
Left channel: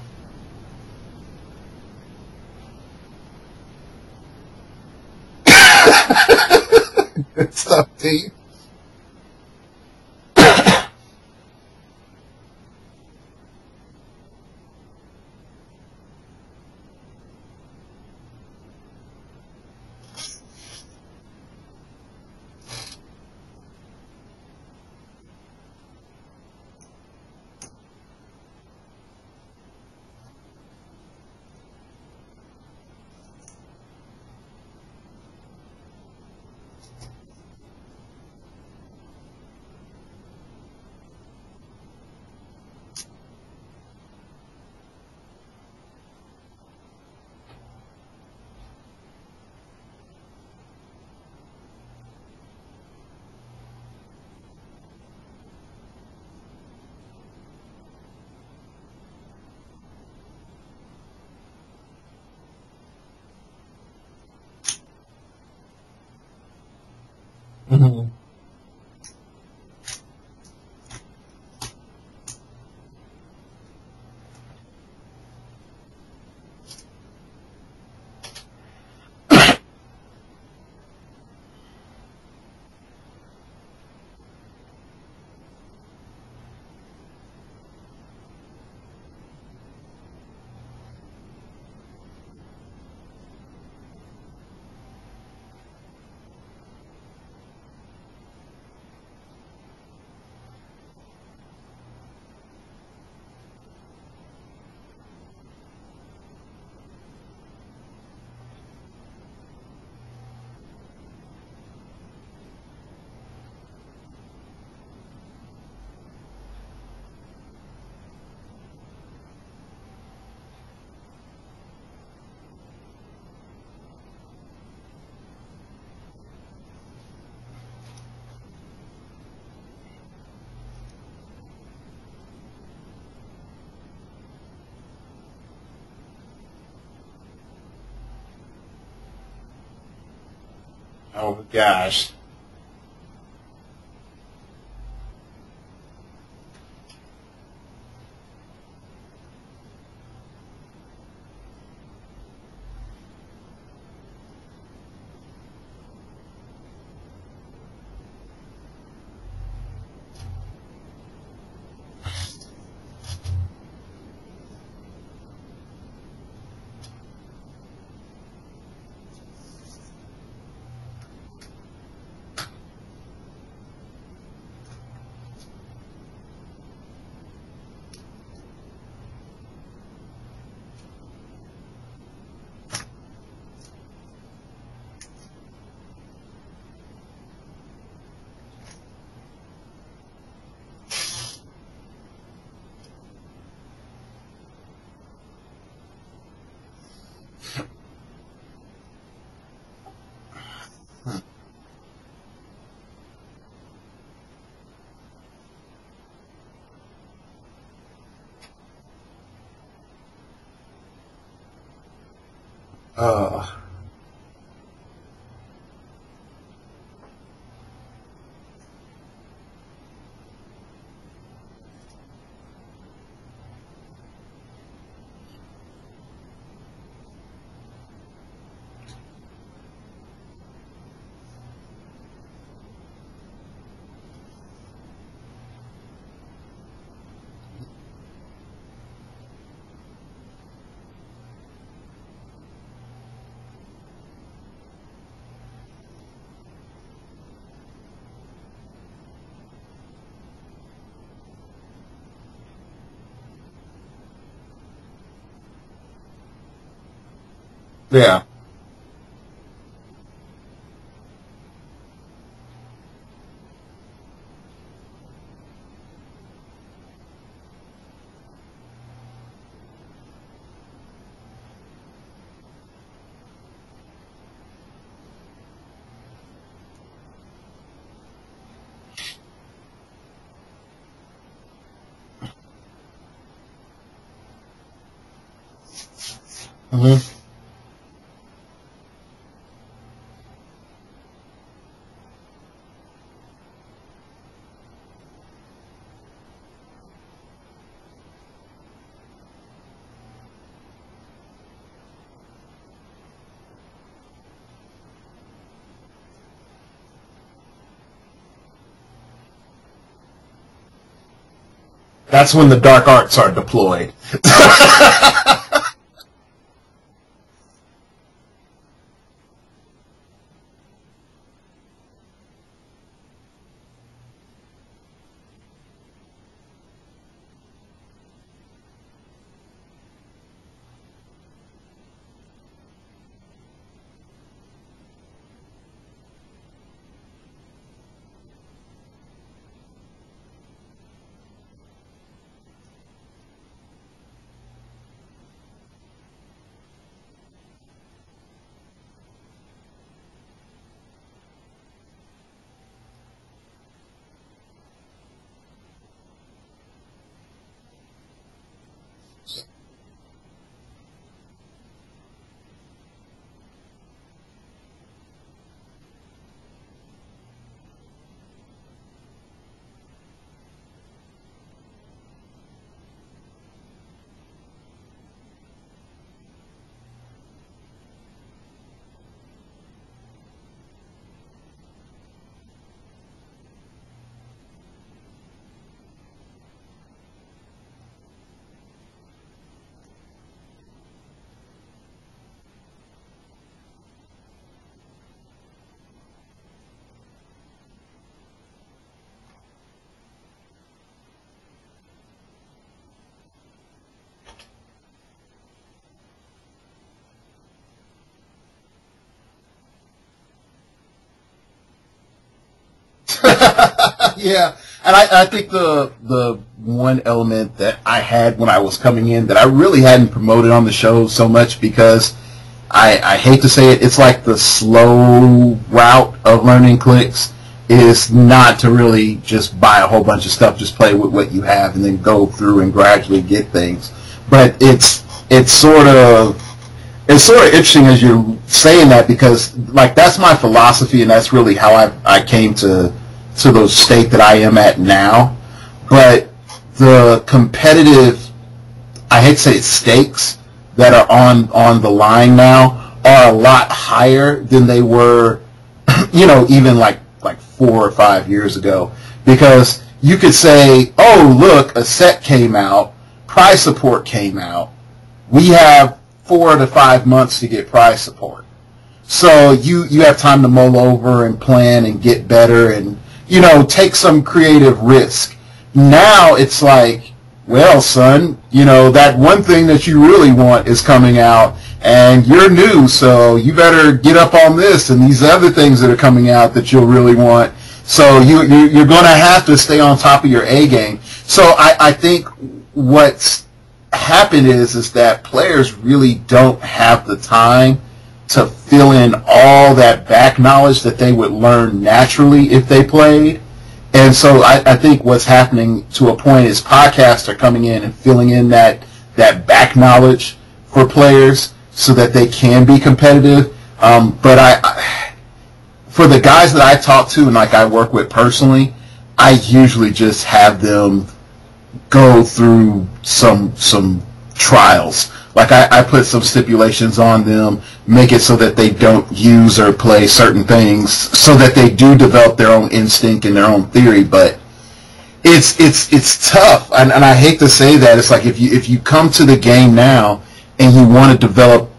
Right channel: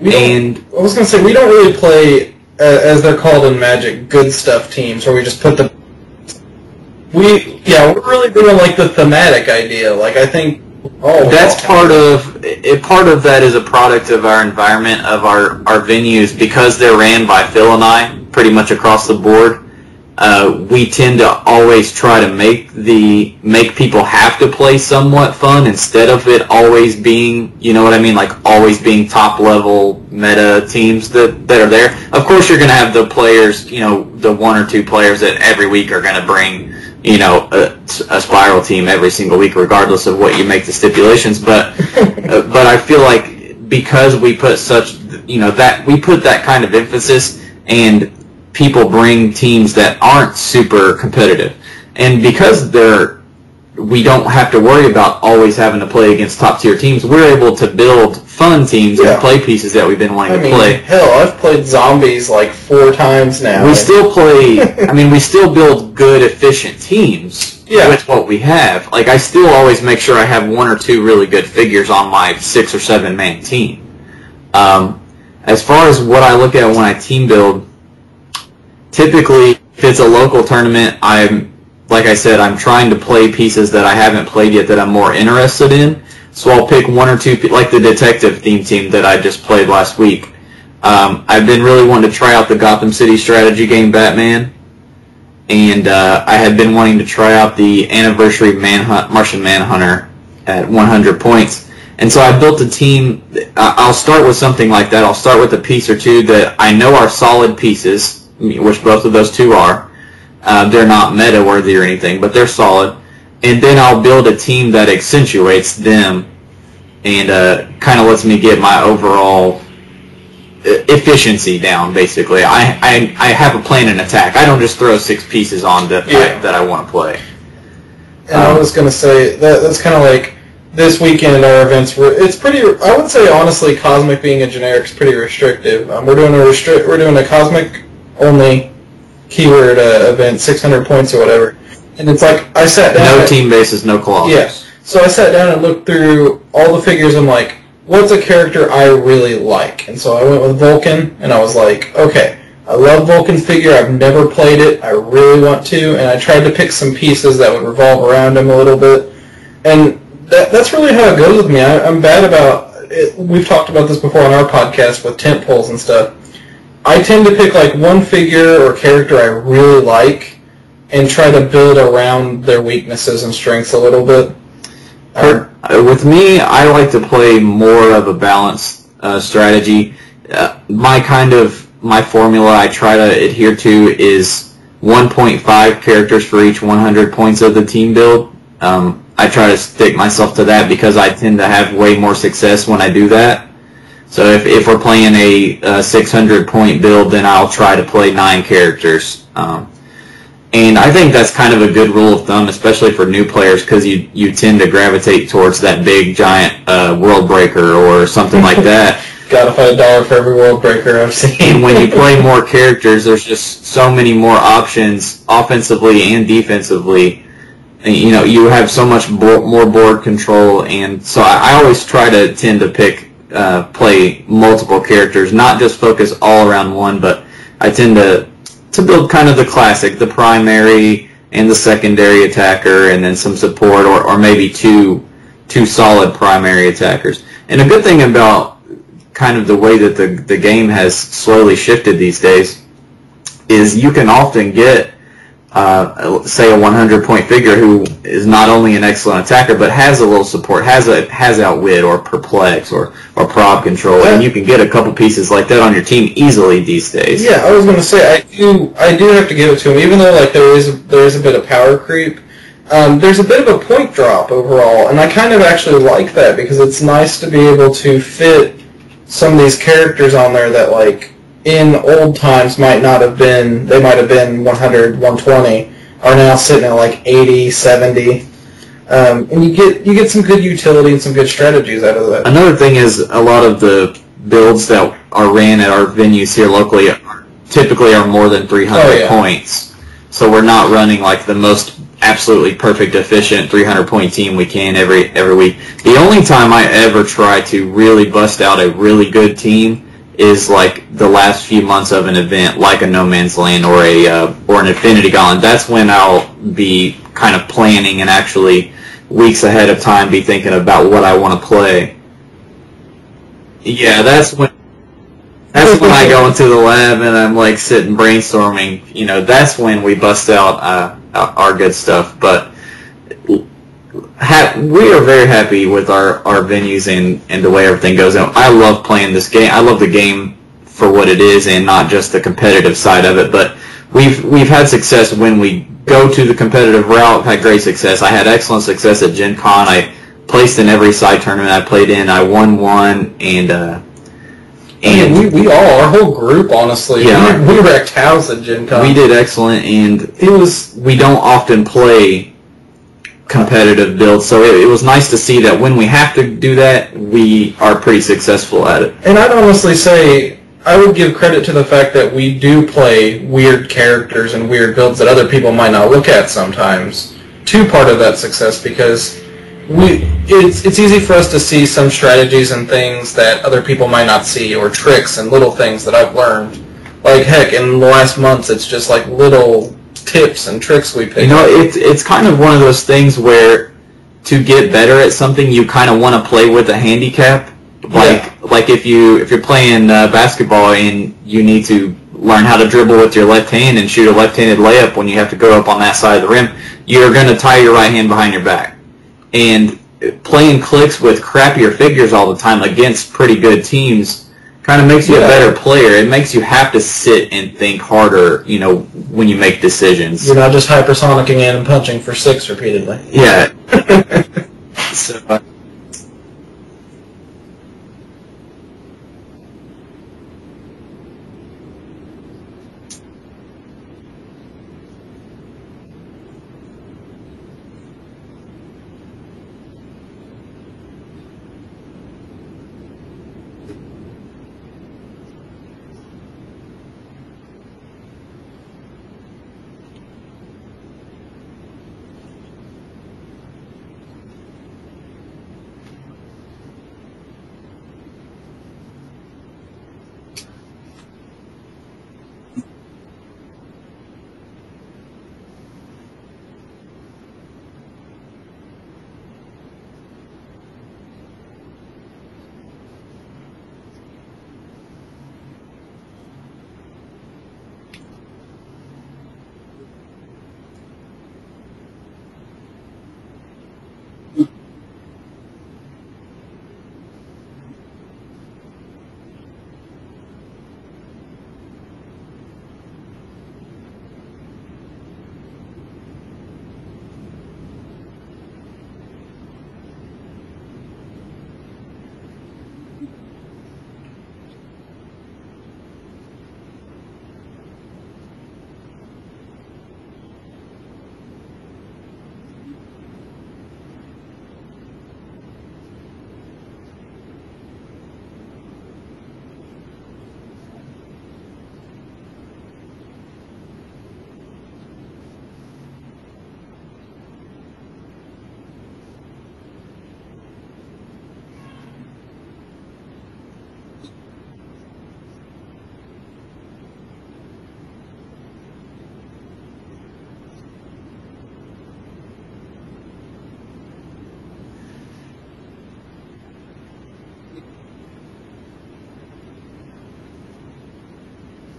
I was going to say, we don't really play, as they're called in Magic, good stuff teams, where we just put we're really doing like the thematic idea. Like, I think that's part of that is a product of our environment, of our venues, because they're ran by Phil and I pretty much across the board. we tend to always try to make people have to play somewhat fun instead of it always being, you know what I mean, like always being top level meta teams that are there. Of course, you're going to have the players, you know, the one or two players that every week are going to bring, you know, a spiral team every single week, regardless of what you make the stipulations. But I feel like because we put such, you know, that we put that kind of emphasis, and people bring teams that aren't super competitive, and because we don't have to worry about always having to play against top tier teams, we're able to build fun teams and play pieces that we've been wanting to play. Hell, I've played zombies like 4 times now. We still play, I mean, we still build good, efficient teams with what we have. Like, I still always make sure I have 1 or 2 really good figures on my 6 or 7 man team. As far as what I look at when I team build, typically, if it's a local tournament, like I said, I'm trying to play pieces that I haven't played yet that I'm more interested in. So I'll pick 1 or 2, like the detective theme team that I just played last week. I've been really wanting to try out the Gotham City strategy game Batman, and I had been wanting to try out the Anniversary Martian Manhunter at 100 points. And so I built a team. I'll start with something like that. I'll start with a piece or two that I know are solid pieces, which both of those 2 are. They're not meta-worthy or anything, but they're solid. And then I'll build a team that accentuates them and kind of lets me get my overall efficiency down, basically. I have a plan and attack. I don't just throw 6 pieces on that I want to play. And I was going to say, that's kind of like this weekend our events. It's pretty, I would say, honestly, Cosmic being a generic is pretty restrictive. We're doing a Cosmic only keyword event, 600 points or whatever. Gosh. And it's like, I sat down. No team bases, no clauses. Yeah. So I sat down and looked through all the figures. I'm like, what's a character I really like? And so I went with Vulcan, and I was like, okay, I love Vulcan's figure. I've never played it. I really want to. And I tried to pick some pieces that would revolve around him a little bit. And that's really how it goes with me. I'm bad about it. We've talked about this before on our podcast with tent poles and stuff. I tend to pick like one figure or character I really like and try to build around their weaknesses and strengths a little bit. With me, I like to play more of a balanced strategy. My formula I try to adhere to is 1.5 characters for each 100 points of the team build. I try to stick myself to that because I tend to have way more success when I do that. So if we're playing a 600-point build, then I'll try to play 9 characters. And I think that's kind of a good rule of thumb, especially for new players, because you tend to gravitate towards that big, giant world breaker or something like that. Gotta find $1 for every world breaker I've seen. And when you play more characters, there's just so many more options, offensively and defensively. And, you know, you have so much more board control, and so I always try to tend to play multiple characters, not just focus all around one, but I tend to build kind of the classic, the primary and the secondary attacker, and then some support, or maybe two solid primary attackers. And a good thing about kind of the way that the game has slowly shifted these days is you can often get say a 100-point figure who is not only an excellent attacker but has a little support, has outwit or perplex or prob control, and you can get a couple pieces like that on your team easily these days. Yeah, I was going to say I do have to give it to him, even though like there is a bit of power creep. There's a bit of a point drop overall, and I kind of actually like that because it's nice to be able to fit some of these characters on there that like in old times might have been 100, 120, are now sitting at like 80, 70. And you get some good utility and some good strategies out of that. Another thing is a lot of the builds that are ran at our venues here locally typically are more than 300 points. So we're not running like the most absolutely perfect, efficient 300-point team we can every week. The only time I ever try to really bust out a really good team is like the last few months of an event, like a No Man's Land or an Infinity Gauntlet. That's when I'll be kind of planning and actually weeks ahead of time be thinking about what I want to play. That's when the dark arts are deployed. Yeah, that's when I go into the lab and I'm like sitting brainstorming. You know, that's when we bust out our good stuff. But we are very happy with our venues and the way everything goes. And I love playing this game. I love the game for what it is and not just the competitive side of it. But we've had success when we go to the competitive route. Had great success. I had excellent success at Gen Con. I placed in every side tournament I played in. I won one, and we all, our whole group, honestly, yeah, we wrecked house at Gen Con. We did excellent, and we don't often play competitive builds, so it was nice to see that when we have to do that, we are pretty successful at it. And I'd honestly say, I would give credit to the fact that we do play weird characters and weird builds that other people might not look at sometimes, to part of that success, because it's easy for us to see some strategies and things that other people might not see, or tricks and little things that I've learned. Like, heck, in the last months, it's just like little tips and tricks we pick up. You know, it's kind of one of those things where to get better at something, you kind of want to play with a handicap. Like if you're playing basketball and you need to learn how to dribble with your left hand and shoot a left-handed layup when you have to go up on that side of the rim, you're going to tie your right hand behind your back. And playing clicks with crappier figures all the time against pretty good teams kind of makes you a better player. It makes you have to sit and think harder, you know, when you make decisions. You're not just hypersonicking in and punching for 6 repeatedly. Yeah. Yeah. And I think the one element that I had when I was coming in that I really hadn't promoted on the show so much, because I hate to say it, it's like the slow route of learning clicks is not to really just buy a whole bunch of stuff, just play with what you have and then go through and gradually get things. But it's sort of interesting as you're saying that, because like that's my philosophy and that's really how I came to the state that I am at now. But the competitive, I hate to say it, stakes that are on the line now are a lot higher than they were, you know, even like 4 or 5 years ago, because you could say, oh, look, a set came out, prize support came out, we have 4 to 5 months to get prize support. So you have time to mull over and plan and get better and, you know, take some creative risk. Now it's like, well, son, you know, that one thing that you really want is coming out, and you're new, so you better get up on this and these other things that are coming out that you'll really want. So you're going to have to stay on top of your A game. So I think what's happened is that players really don't have the time to fill in all that back knowledge that they would learn naturally if they played. And so I think what's happening to a point is podcasts are coming in and filling in that back knowledge for players so that they can be competitive. But for the guys that I talk to and like I work with personally, I usually just have them go through some trials. Like I put some stipulations on them, make it so that they don't use or play certain things, so that they do develop their own instinct and their own theory. But it's tough, and I hate to say that. It's like if you come to the game now and you want to develop,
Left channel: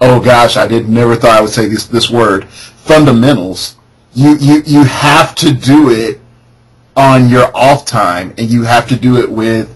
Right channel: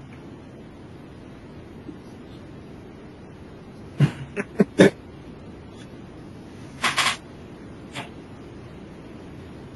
oh gosh, never thought I would say this word, fundamentals. You have to do it on your off time, and you have to do it with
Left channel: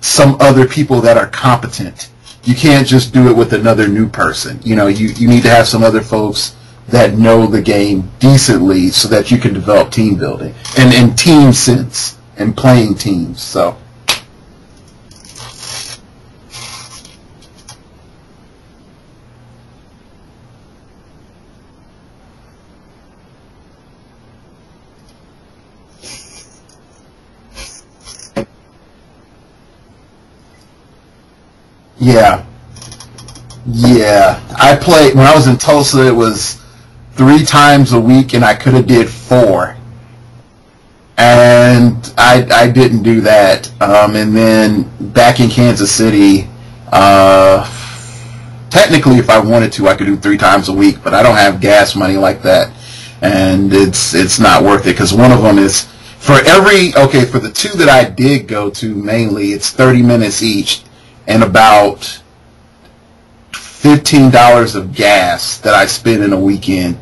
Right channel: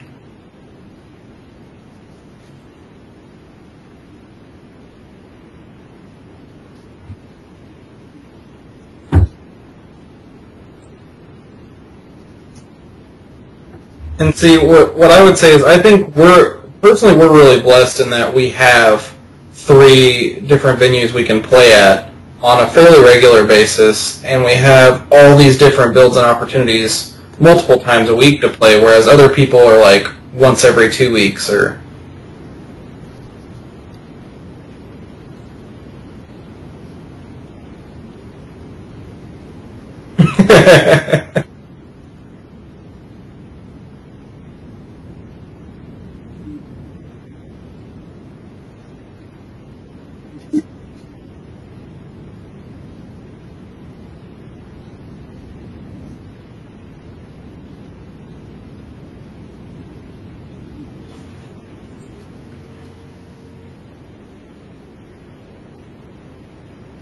some other people that are competent. You can't just do it with another new person. You know, you need to have some other folks that know the game decently so that you can develop team building and team sense and playing teams. So. And see, what I would say is I think we're really blessed in that we have 3 different venues we can play at on a fairly regular basis, and we have all these different builds and opportunities multiple times a week to play, whereas other people are like once every 2 weeks or... Yeah. I played, when I was in Tulsa, it was 3 times a week, and I could have did 4. And I didn't do that. And then back in Kansas City, technically if I wanted to, I could do 3 times a week, but I don't have gas money like that. And it's not worth it, because one of them is For the two that I did go to mainly, it's 30 minutes each and about $15 of gas that I spend in a weekend.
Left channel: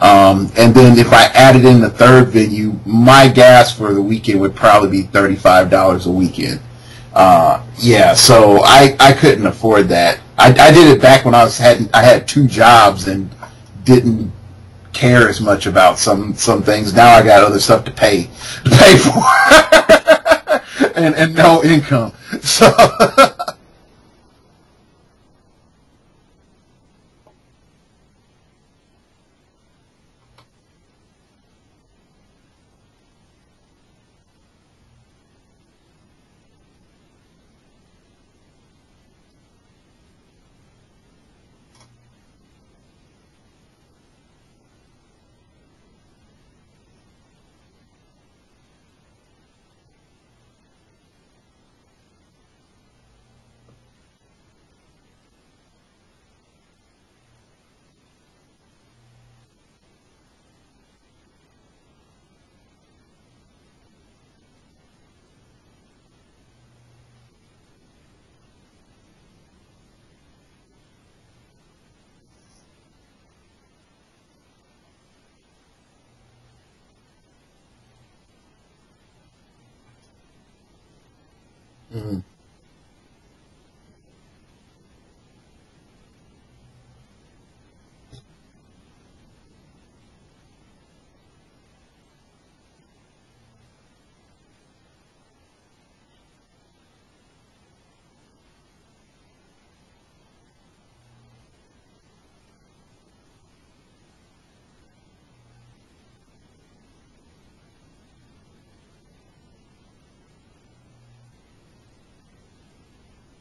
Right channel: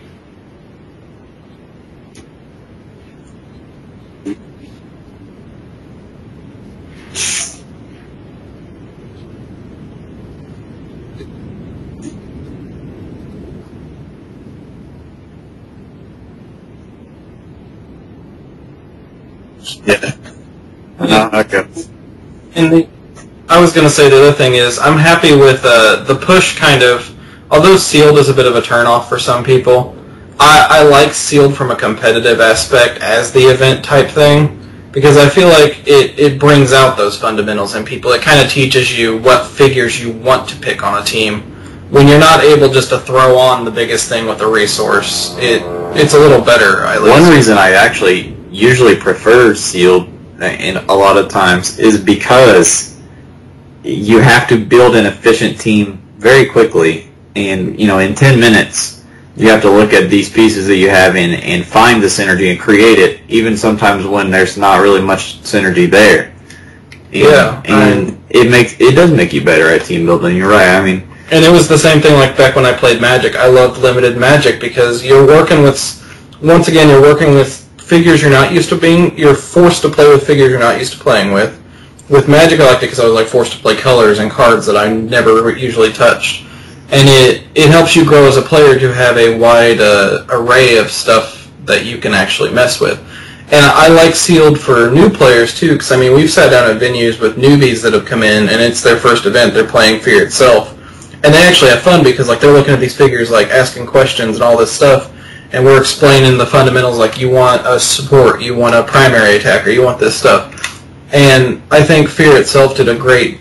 And then if I added in the third venue, my gas for the weekend would probably be $35 a weekend. Yeah, so I couldn't afford that. I did it back when I had two jobs and didn't care as much about some things. Now I got other stuff to pay for, and no income. So I was going to say the other thing is I'm happy with the push kind of. Although sealed is a bit of a turnoff for some people, I like sealed from a competitive aspect as the event type thing, because I feel like it brings out those fundamentals in people. It kind of teaches you what figures you want to pick on a team. When you're not able just to throw on the biggest thing with a resource, it's a little better, at least. One reason I actually usually prefer sealed in a lot of times is because you have to build an efficient team very quickly. And, in 10 minutes, you have to look at these pieces that you have and find the synergy and create it, even sometimes when there's not really much synergy there. And it does make you better at team building. You're right. I mean, and it was the same thing like back when I played Magic. I loved limited Magic because you're working with figures you're not used to being. You're forced to play with figures you're not used to playing with. With Magic, I liked it because I was forced to play colors and cards that I never usually touched. And it helps you grow as a player to have a wide array of stuff that you can actually mess with. And I like sealed for new players too, because we've sat down at venues with newbies that have come in, and it's their first event. They're playing Fear itself, and they actually have fun because they're looking at these figures, asking questions and all this stuff, and we're explaining the fundamentals. You want a support, you want a primary attacker, you want this stuff. And I think Fear itself did a great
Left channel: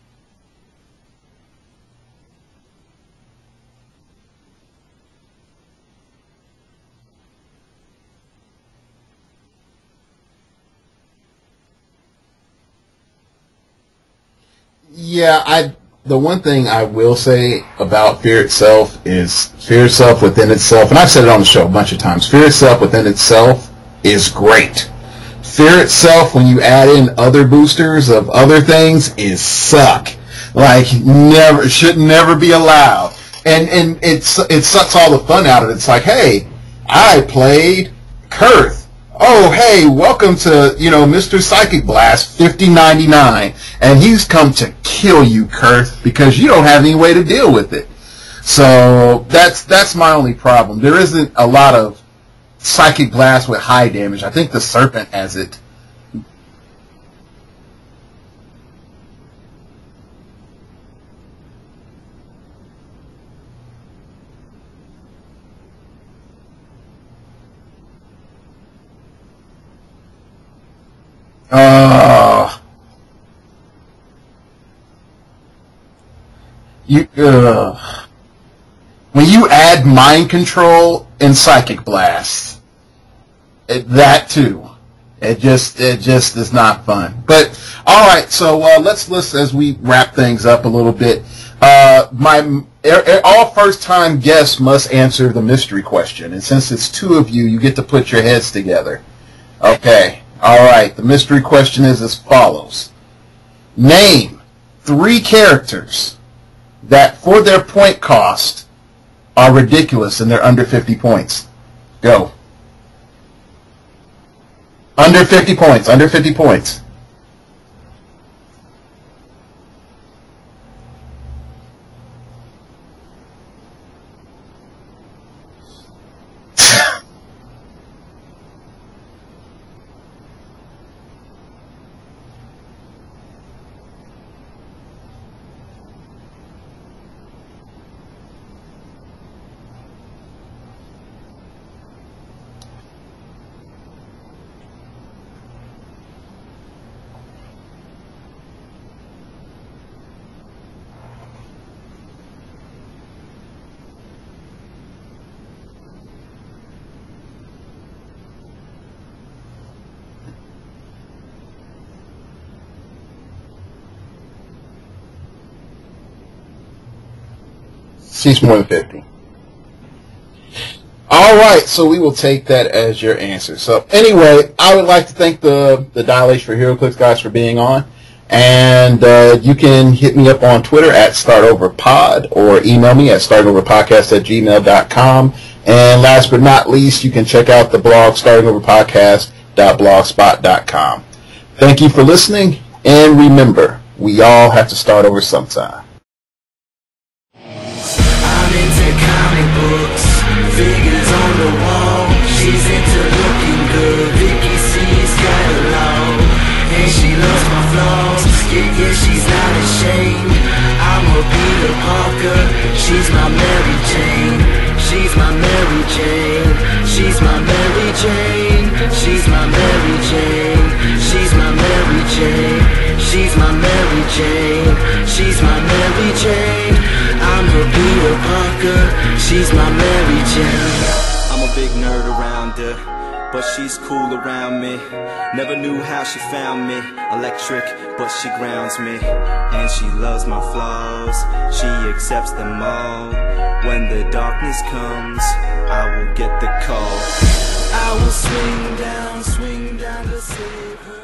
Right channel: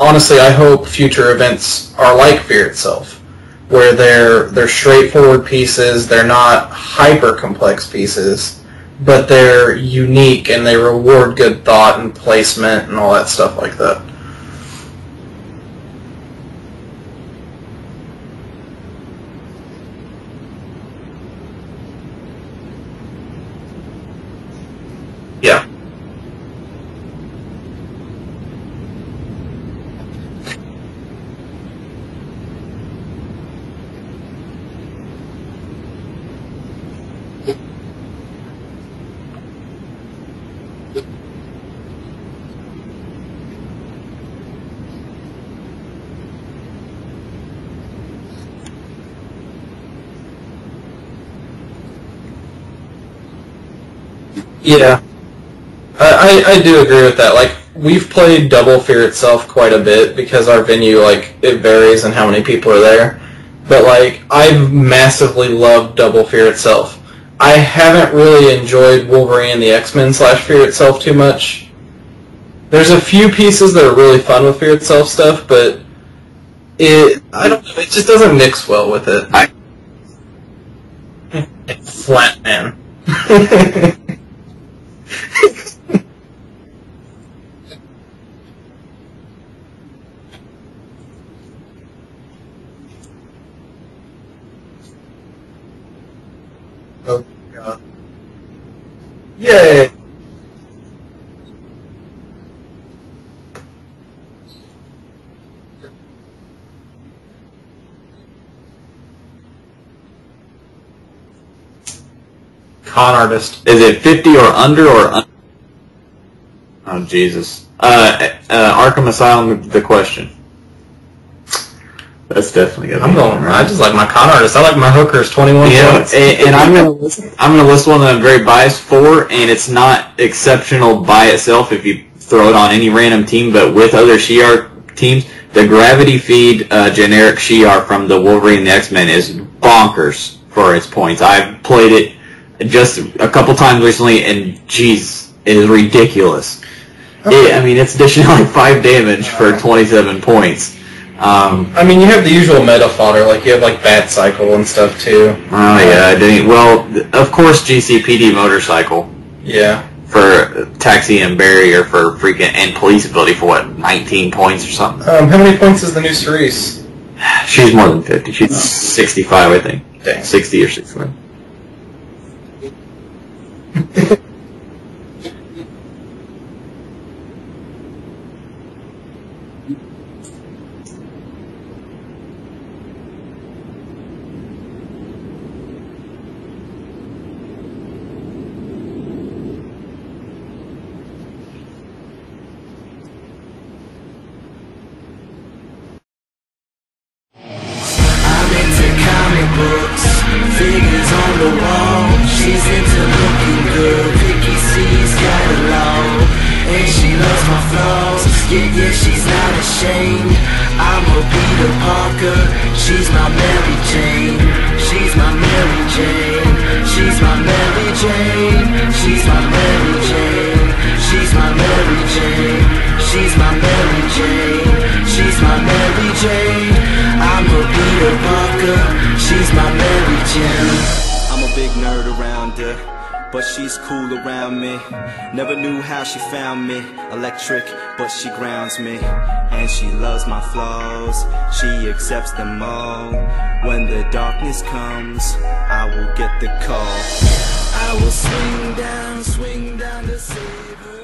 honestly, I hope future events are like Fear itself, where they're straightforward pieces, they're not hyper-complex pieces, but they're unique and they reward good thought and placement and all that stuff like that. Yeah, the one thing I will say about Fear itself is Fear itself within itself, and I've said it on the show a bunch of times, Fear itself within itself is great. Yeah. Fear itself, when you add in other boosters of other things, is suck. Should never be allowed. And it sucks all the fun out of it. It's hey, I played Kurth. Oh, hey, welcome to, Mr. Psychic Blast 5099. And he's come to kill you, Kurth, because you don't have any way to deal with it. So that's my only problem. There isn't a lot of Psychic Blast with high damage. I think the Servant has it. I do agree with that. We've played Double Fear itself quite a bit because our venue, it varies in how many people are there. But, I've massively loved Double Fear itself. I haven't really enjoyed Wolverine and the X-Men / Fear itself too much. There's a few pieces that are really fun with Fear itself stuff, but it just doesn't mix well with it. When you add Mind Control and Psychic Blast, Flat Man. That too. It just is not fun. But all right, so let's as we wrap things up a little bit. All first-time guests must answer the mystery question, and since it's two of you, you get to put your heads together. Yay! Okay. All right. The mystery question is as follows: name 3 characters that, for their point cost, are ridiculous and they're under 50 points. Go. Con artist. Is it 50 or under? Or under 50 points. Under 50 points. Oh, Jesus. Arkham Asylum, the question. That's definitely going to be right. I just like my con artist. I like my hookers, 21 points. And I'm going to list one that I'm very biased for, and it's not exceptional by itself if you throw it on any random team, but with other Shi'ar teams. The Gravity Feed generic Shi'ar from the Wolverine and the X-Men is bonkers for its points. I've played it just a couple times recently, and jeez, it is ridiculous. Okay. It's dishing out 5 damage for 27 points. You have the usual meta fodder, you have Bat Cycle and stuff too. Oh yeah, well, of course GCPD Motorcycle. Yeah. For Taxi and Barrier for freaking, and Police Ability for 19 points or something. How many points is the new Cerise? She's more than 50. She's 65, I think. Dang. 60 or 69. All right, so we will take that as your answer. So anyway, I would like to thank the Dilation for Heroclix guys for being on. And you can hit me up on Twitter at StartOverPod or email me at startoverpodcast@gmail.com. And last but not least, you can check out the blog startoverpodcast.blogspot.com. Thank you for listening, and remember, we all have to start over sometime. I'm into comic books, figures on the wall. She's into looking good, Vicky C's got a low. And she loves my flaws, yeah, she's not ashamed. I'm a Peter Parker, she's my Mary Jane. She's my Mary Jane, she's my Mary Jane. She's my Mary Jane, she's my Mary Jane. She's my Mary Jane, she's my Mary Jane. I'm a Peter Parker, she's my Mary Jane. I'm a big nerd around her, but she's cool around me. Never knew how she found me. Electric, but she grounds me. And she loves my flaws, she accepts them all. When the darkness comes, I will get the call. I will swing down to save her.